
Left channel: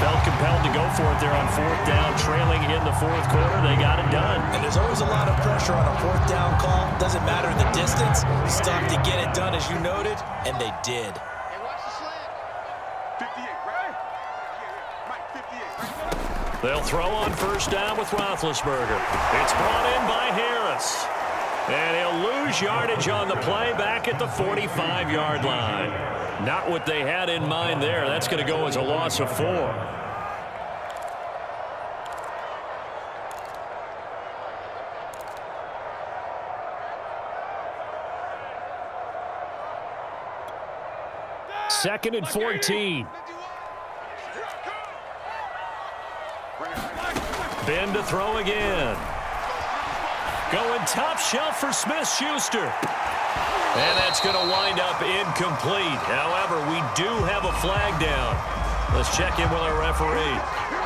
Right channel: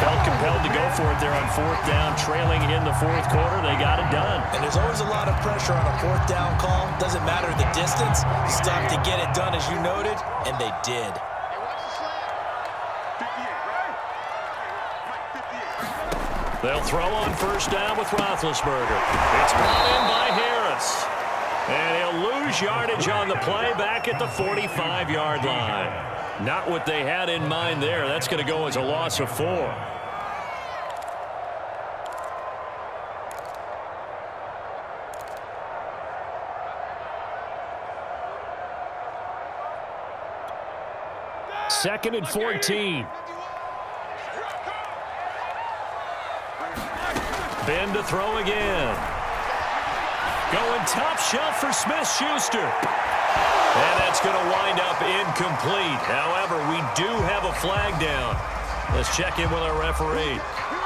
Felt compelled to go for it there on 4th down, trailing in the 4th quarter. They got it done. And there's always a lot of pressure on a 4th down call. Doesn't matter the distance. You stop to get it done, as you noted, and they did. Hey, watch the slant. 58, right? Mike, 58, right? They'll throw on 1st down with Roethlisberger. It's brought in by Harris. And he'll lose yardage on the play back at the 45-yard line. Not what they had in mind there. That's going to go as a loss of 4. Second and 14. Ben to throw again. Going top shelf for Smith-Schuster. And that's going to wind up incomplete. However, we do have a flag down. Let's check in with our referee.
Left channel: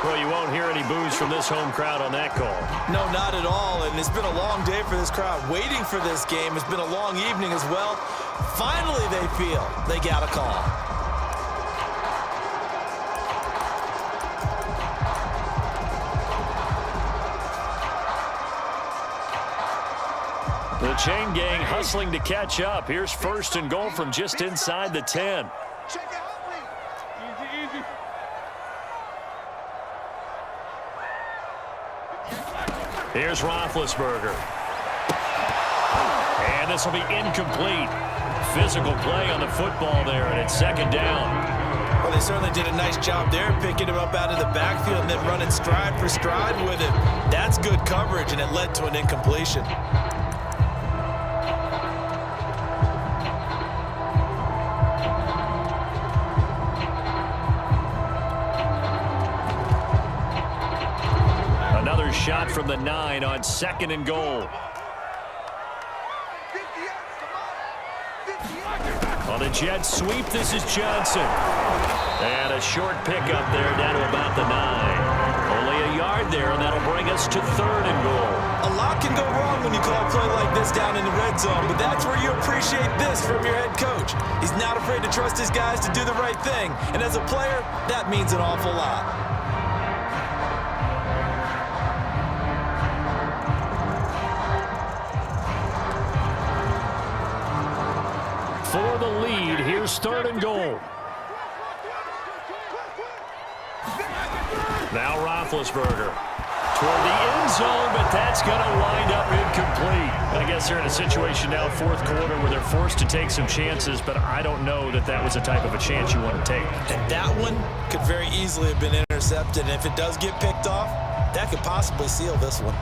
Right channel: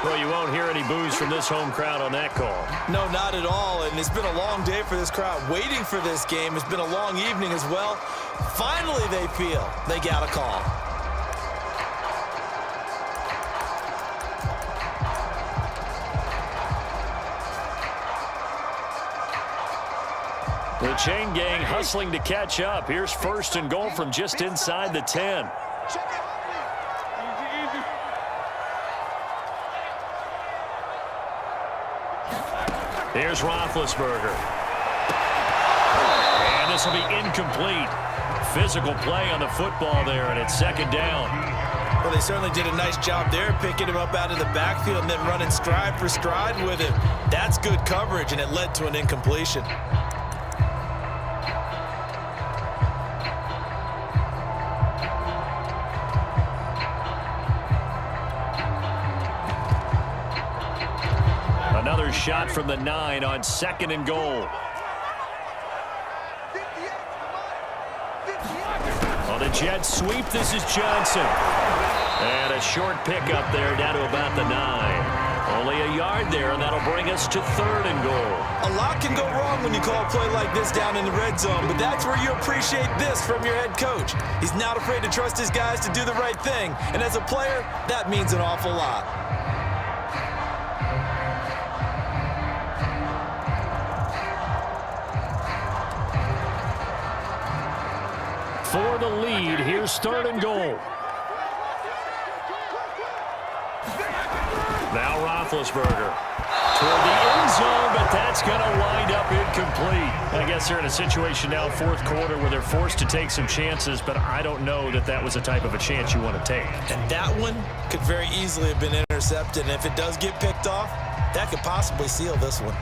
Well, you won't hear any boos from this home crowd on that call. No, not at all. And it's been a long day for this crowd waiting for this game. It's been a long evening as well. Finally, they feel they got a call. The chain gang hustling to catch up. Here's 1st and goal from just inside the 10. Check it out, easy, easy. Here's Roethlisberger. And this will be incomplete. Physical play on the football there, and it's 2nd down. Well, they certainly did a nice job there, picking him up out of the backfield and then running stride for stride with him. That's good coverage, and it led to an incompletion. Another shot from the 9 on 2nd and goal. On the jet sweep, this is Johnson. And a short pickup there down to about the 9. Only a yard there, and that'll bring us to 3rd and goal. A lot can go wrong when you call a play like this down in the red zone, but that's where you appreciate this from your head coach. He's not afraid to trust his guys to do the right thing, and as a player, that means an awful lot. For the lead, here's 3rd and goal. Now Roethlisberger toward the end zone, but that's going to wind up incomplete. I guess they're in a situation now, 4th quarter, where they're forced to take some chances, but I don't know that that was the type of a chance you want to take. And that one could very easily have been intercepted, and if it does get picked off, that could possibly seal this one.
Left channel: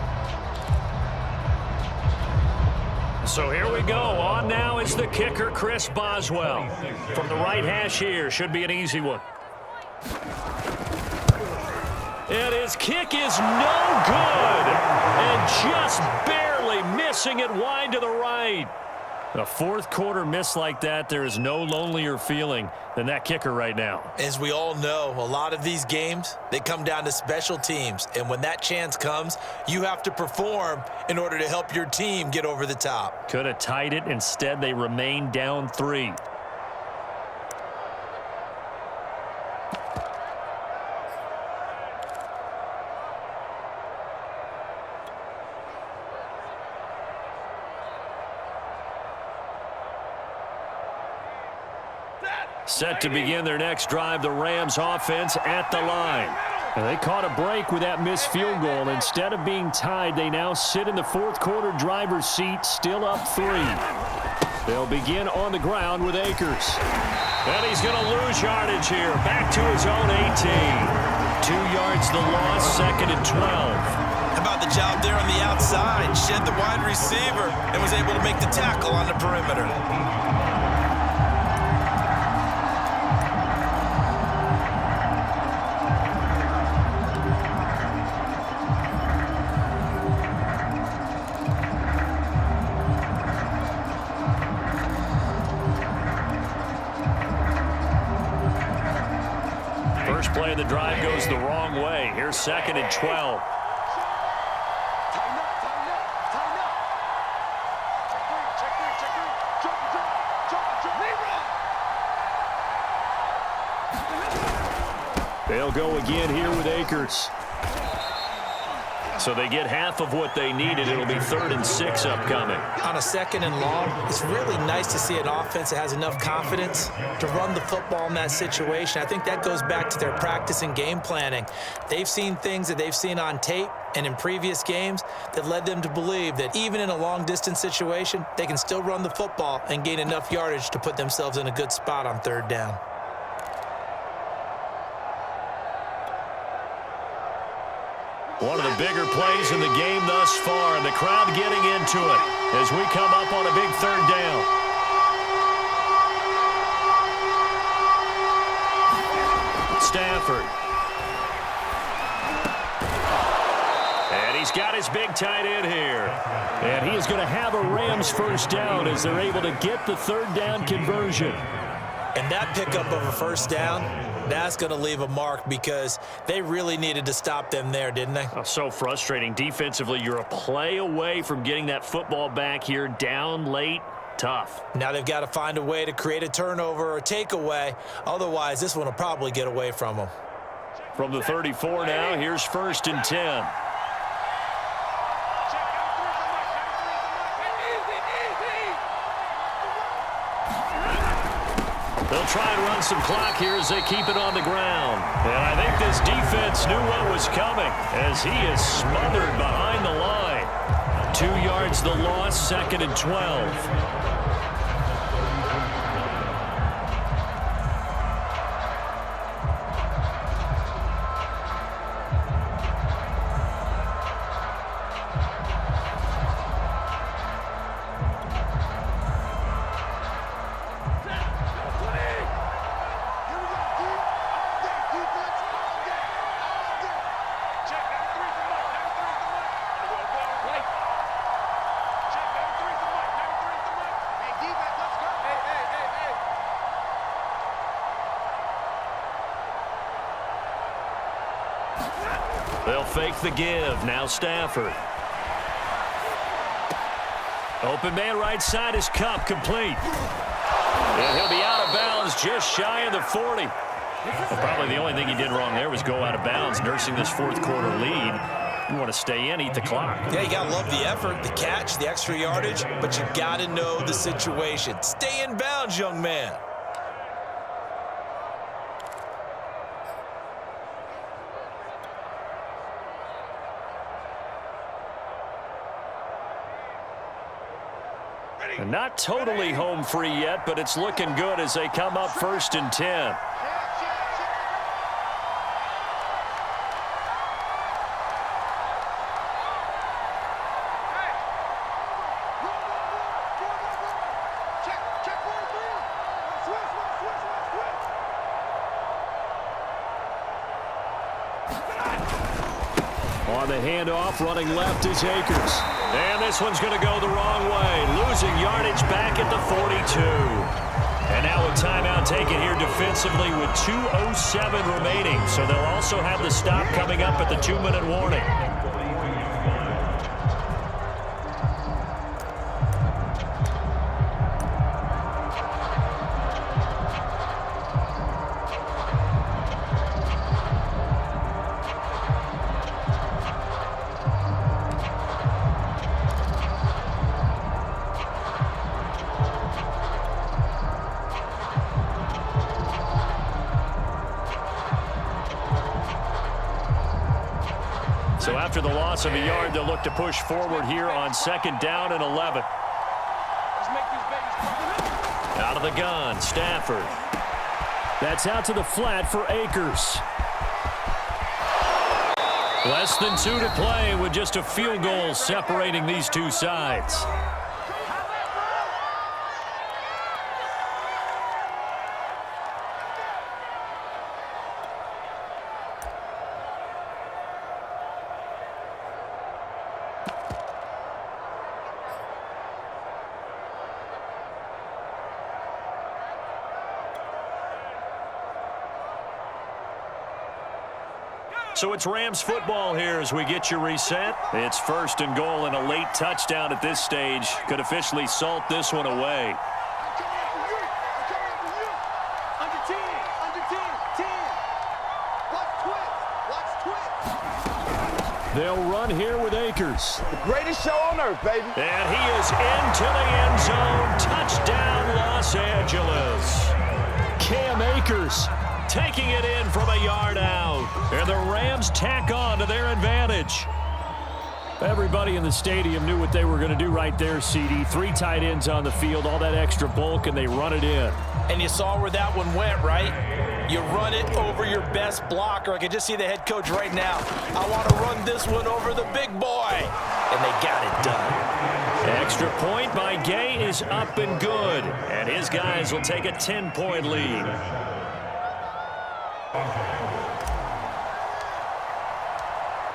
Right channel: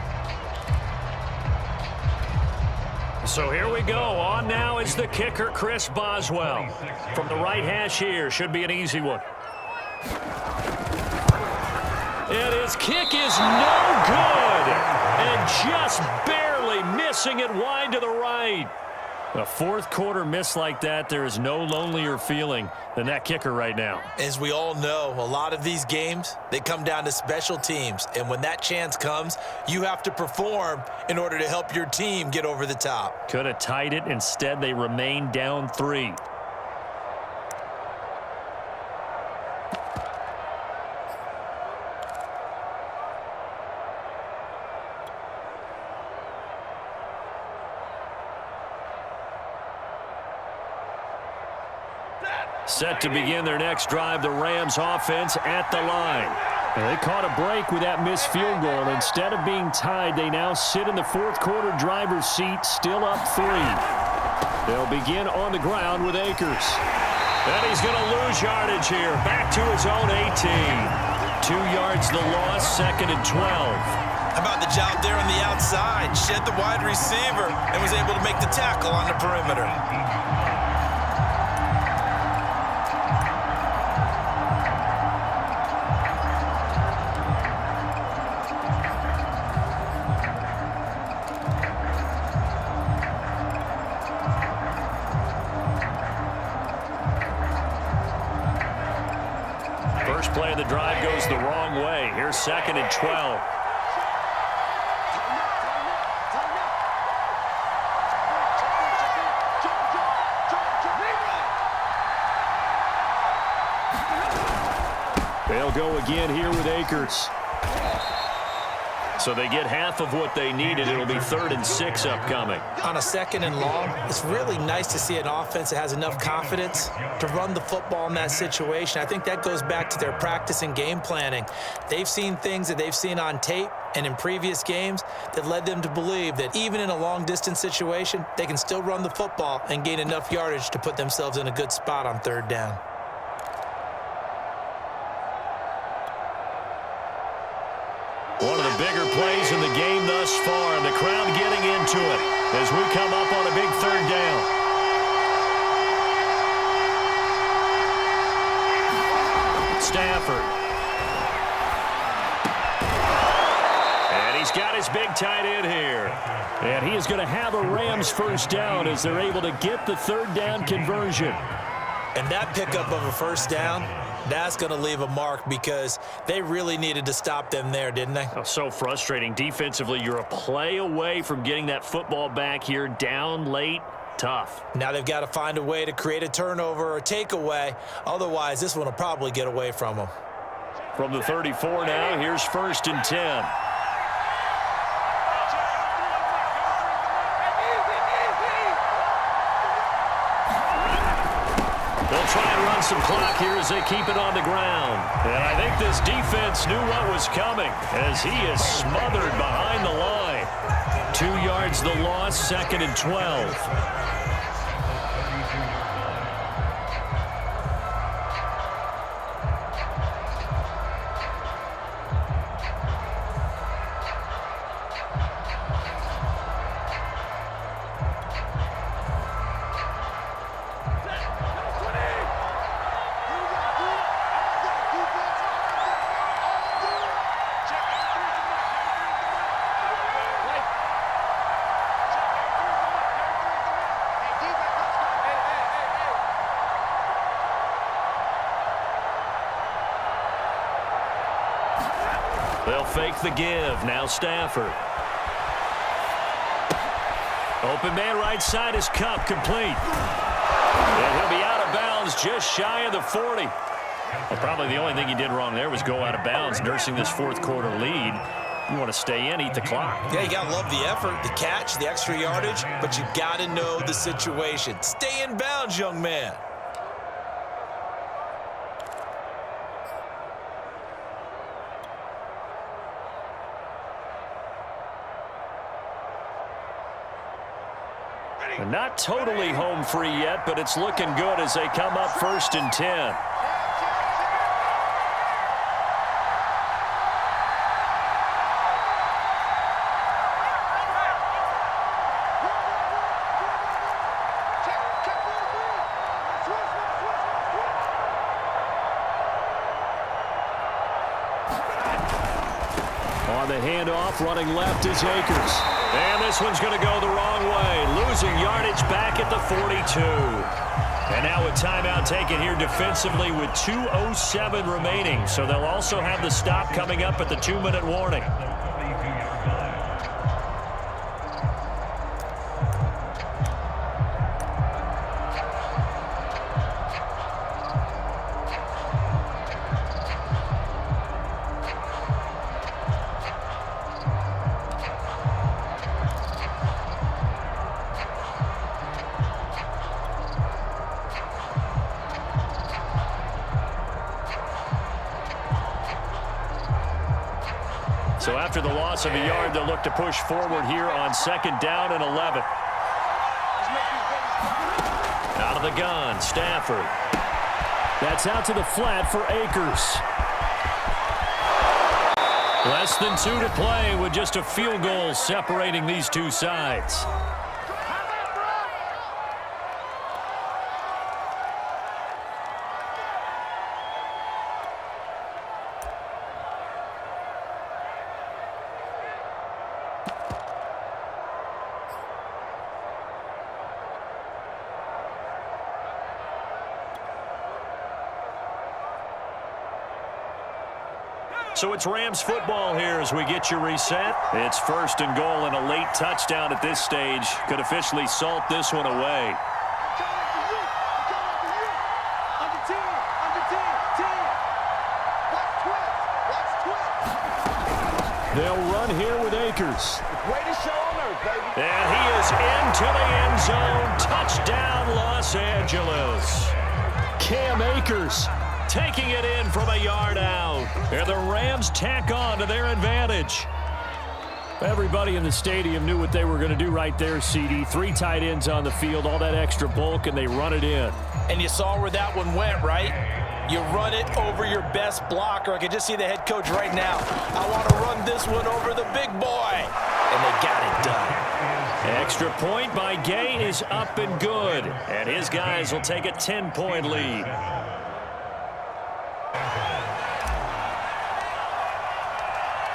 So here we go. On now is the kicker, Chris Boswell. From the right hash here. Should be an easy one. And his kick is no good. And just barely missing it wide to the right. A 4th quarter miss like that, there is no lonelier feeling than that kicker right now. As we all know, a lot of these games, they come down to special teams. And when that chance comes, you have to perform in order to help your team get over the top. Could have tied it. Instead, they remain down 3. Set to begin their next drive, the Rams offense at the line. And they caught a break with that missed field goal. Instead of being tied, they now sit in the 4th quarter driver's seat, still up 3. They'll begin on the ground with Akers. And he's going to lose yardage here, back to his own 18. 2 yards the loss, 2nd and 12. How about the job there on the outside? Shed the wide receiver and was able to make the tackle on the perimeter. First play of the drive goes the wrong way. Here's 2nd and 12. They'll go again here with Akers. So they get half of what they needed. It'll be 3rd and 6 upcoming. On a 2nd and long, it's really nice to see an offense that has enough confidence to run the football in that situation. I think that goes back to their practice and game planning. They've seen things that they've seen on tape and in previous games that led them to believe that even in a long-distance situation, they can still run the football and gain enough yardage to put themselves in a good spot on 3rd down. One of the bigger plays in the game thus far, and the crowd getting into it as we come up on a big 3rd down. Stafford. And he's got his big tight end here. And he is going to have a Rams 1st down as they're able to get the 3rd down conversion. And that pickup of a 1st down, that's going to leave a mark because they really needed to stop them there, didn't they? Oh, so frustrating. Defensively, you're a play away from getting that football back here, down late. Tough. Now they've got to find a way to create a turnover or takeaway. Otherwise, this one will probably get away from them. From the 34 now, here's 1st and 10. They'll try and run some clock here as they keep it on the ground. And I think this defense knew what was coming as he is smothered behind the line. 2 yards the loss, 2nd and 12. 32-yard They'll fake the give. Now Stafford. Open man right side is Cup, complete. And he'll be out of bounds just shy of the 40. Well, probably the only thing he did wrong there was go out of bounds, nursing this fourth quarter lead. You want to stay in, eat the clock. Yeah, you got to love the effort, the catch, the extra yardage, but you got to know the situation. Stay in bounds, young man. And not totally home free yet, but it's looking good as they come up 1st and 10. On the handoff, running left is Akers. And this one's going to go the wrong way. Losing yardage back at the 42. And now a timeout taken here defensively with 2:07 remaining. So they'll also have the stop coming up at the 2-minute warning. So after the loss of a yard, they'll look to push forward here on 2nd down and 11. Out of the gun, Stafford. That's out to the flat for Akers. Less than 2 to play with just a field goal separating these two sides. So it's Rams football here as we get you reset. It's 1st and goal, and a late touchdown at this stage could officially salt this one away. I'm coming after you. I'm coming after you. Under 10. Under 10. 10. Watch twist. Watch twist. They'll run here with Akers. The greatest show on earth, baby. And he is into the end zone. Touchdown, Los Angeles. Cam Akers taking it in from a yard out. And the Rams tack on to their advantage. Everybody in the stadium knew what they were going to do right there, CD. 3 tight ends on the field, all that extra bulk, and they run it in. And you saw where that one went, right? You run it over your best blocker. I can just see the head coach right now. I want to run this one over the big boy. And they got it done. Extra point by Gay is up and good. And his guys will take a 10-point lead.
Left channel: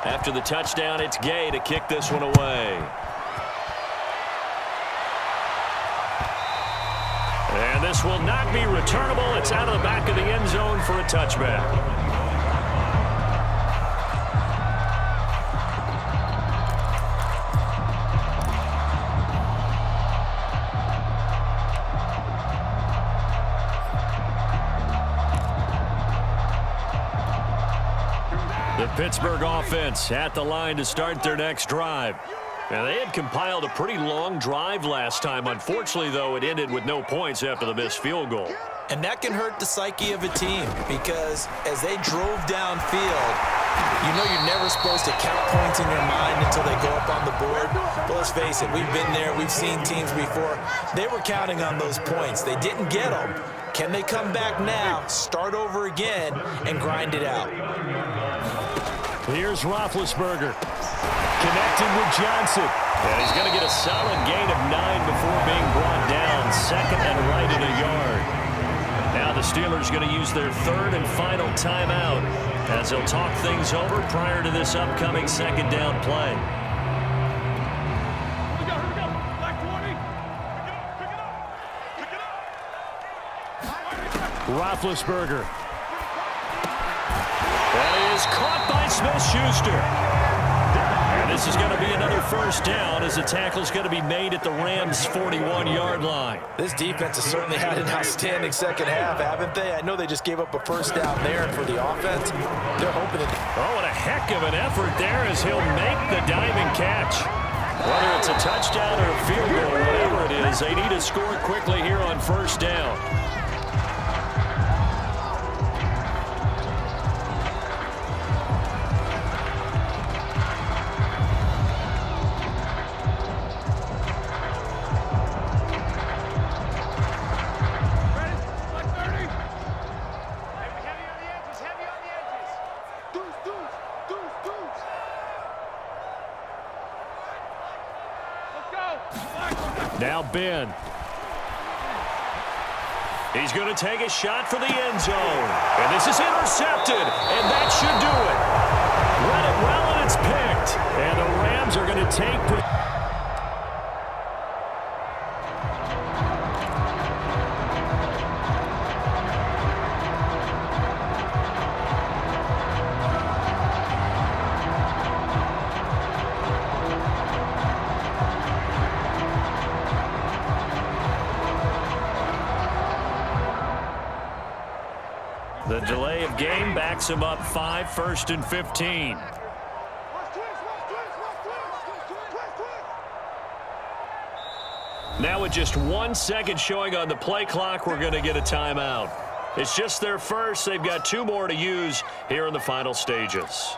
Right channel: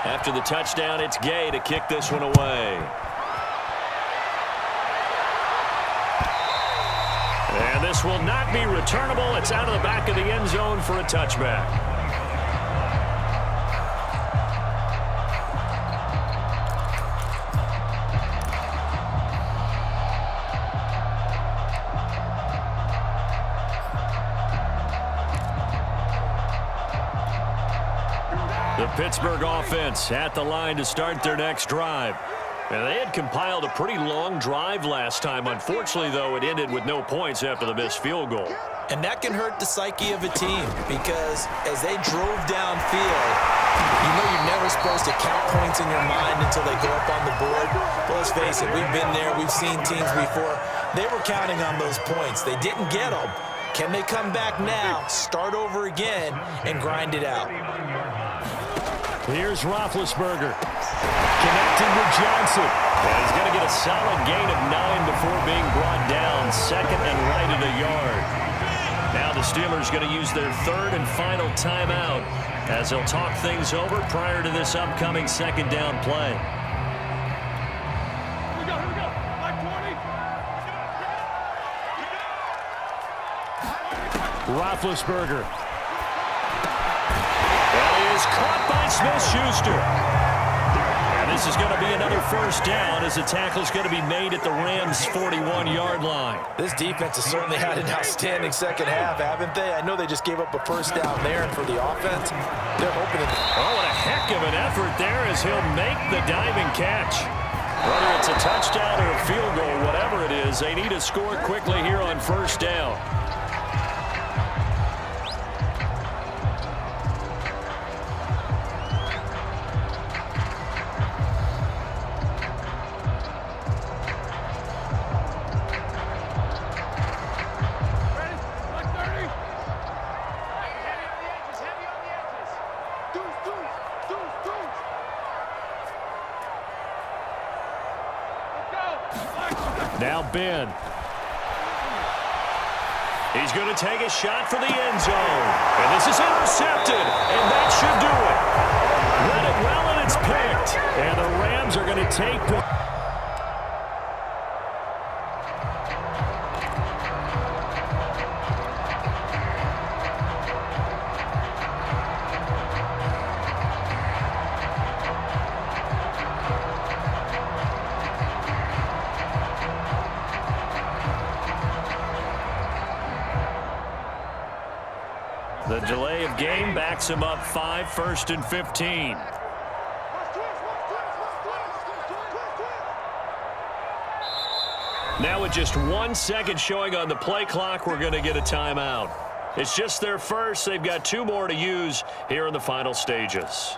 After the touchdown, it's Gay to kick this one away. And this will not be returnable. It's out of the back of the end zone for a touchback. The Pittsburgh offense at the line to start their next drive. And they had compiled a pretty long drive last time. Unfortunately, though, it ended with no points after the missed field goal. And that can hurt the psyche of a team because as they drove downfield, you know you're never supposed to count points in your mind until they go up on the board. But let's face it, we've been there. We've seen teams before. They were counting on those points. They didn't get them. Can they come back now, start over again, and grind it out? Here's Roethlisberger. Connecting with Johnson. And he's going to get a solid gain of 9 before being brought down. 2nd and right at a yard. Now the Steelers going to use their 3rd and final timeout as they'll talk things over prior to this upcoming 2nd down play. Here we go. Black 20. Pick it up. Roethlisberger. That is caught by Smith-Schuster. And this is going to be another first down as the tackle is going to be made at the Rams' 41-yard line. This defense has certainly had an outstanding second half, haven't they? I know they just gave up a first down there, and for the offense, they're hoping that... Oh, what a heck of an effort there as he'll make the diving catch. Whether it's a touchdown or a field goal, whatever it is, they need to score quickly here on first down. Now Ben. He's going to take a shot for the end zone. And this is intercepted. And that should do it. Read it well, and it's picked. And the Rams are going to take the... The delay of game backs him up 5, 1st and 15. Now with just 1 second showing on the play clock, we're going to get a timeout. It's just their first. They've got 2 more to use here in the final stages.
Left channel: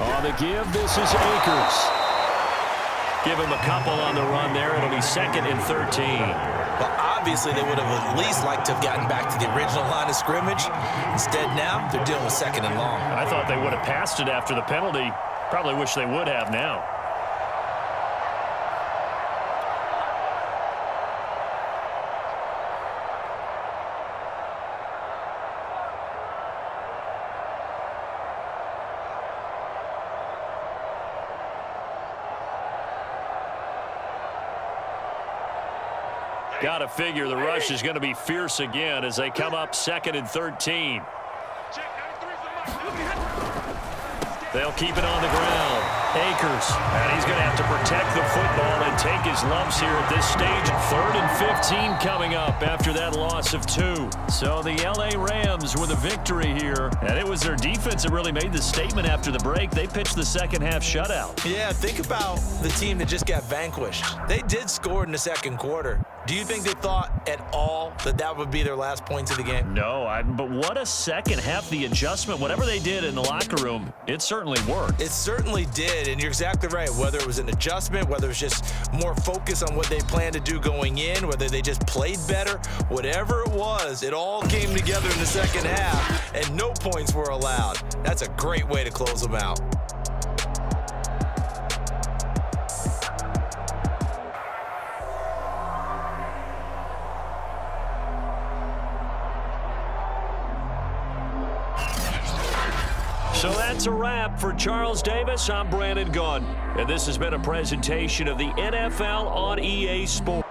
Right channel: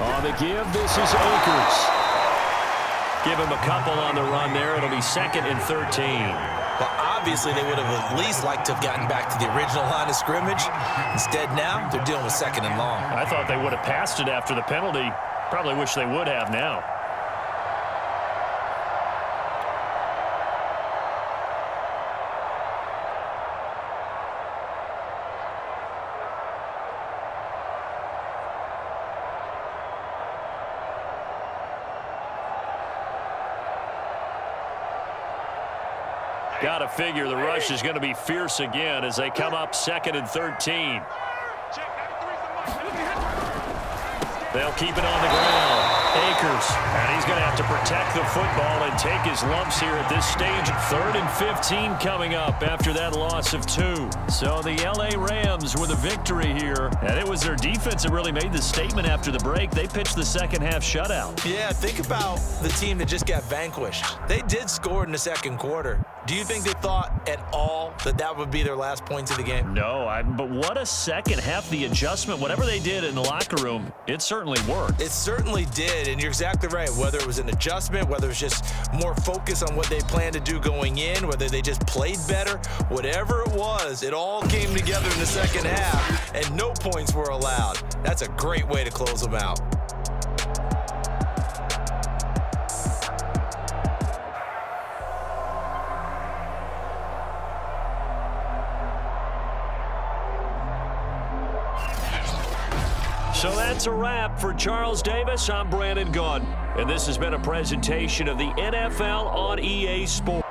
On the give, this is Akers. Give him a couple on the run there. It'll be 2nd and 13. Well, obviously, they would have at least liked to have gotten back to the original line of scrimmage. Instead, now, they're dealing with 2nd and long. I thought they would have passed it after the penalty. Probably wish they would have now. Got to figure the rush is going to be fierce again as they come up 2nd and 13. They'll keep it on the ground. Akers, and he's going to have to protect the football and take his lumps here at this stage. 3rd and 15 coming up after that loss of 2. So the L.A. Rams with a victory here, and it was their defense that really made the statement after the break. They pitched the second half shutout. Yeah, think about the team that just got vanquished. They did score in the second quarter. Do you think they thought at all that that would be their last points of the game? No, but what a second half. The adjustment, whatever they did in the locker room, it certainly worked. It certainly did, and you're exactly right. Whether it was an adjustment, whether it was just more focus on what they planned to do going in, whether they just played better, whatever it was, it all came together in the second half, and no points were allowed. That's a great way to close them out. So that's a wrap for Charles Davis. I'm Brandon Gaudin, and this has been a presentation of the NFL on EA Sports.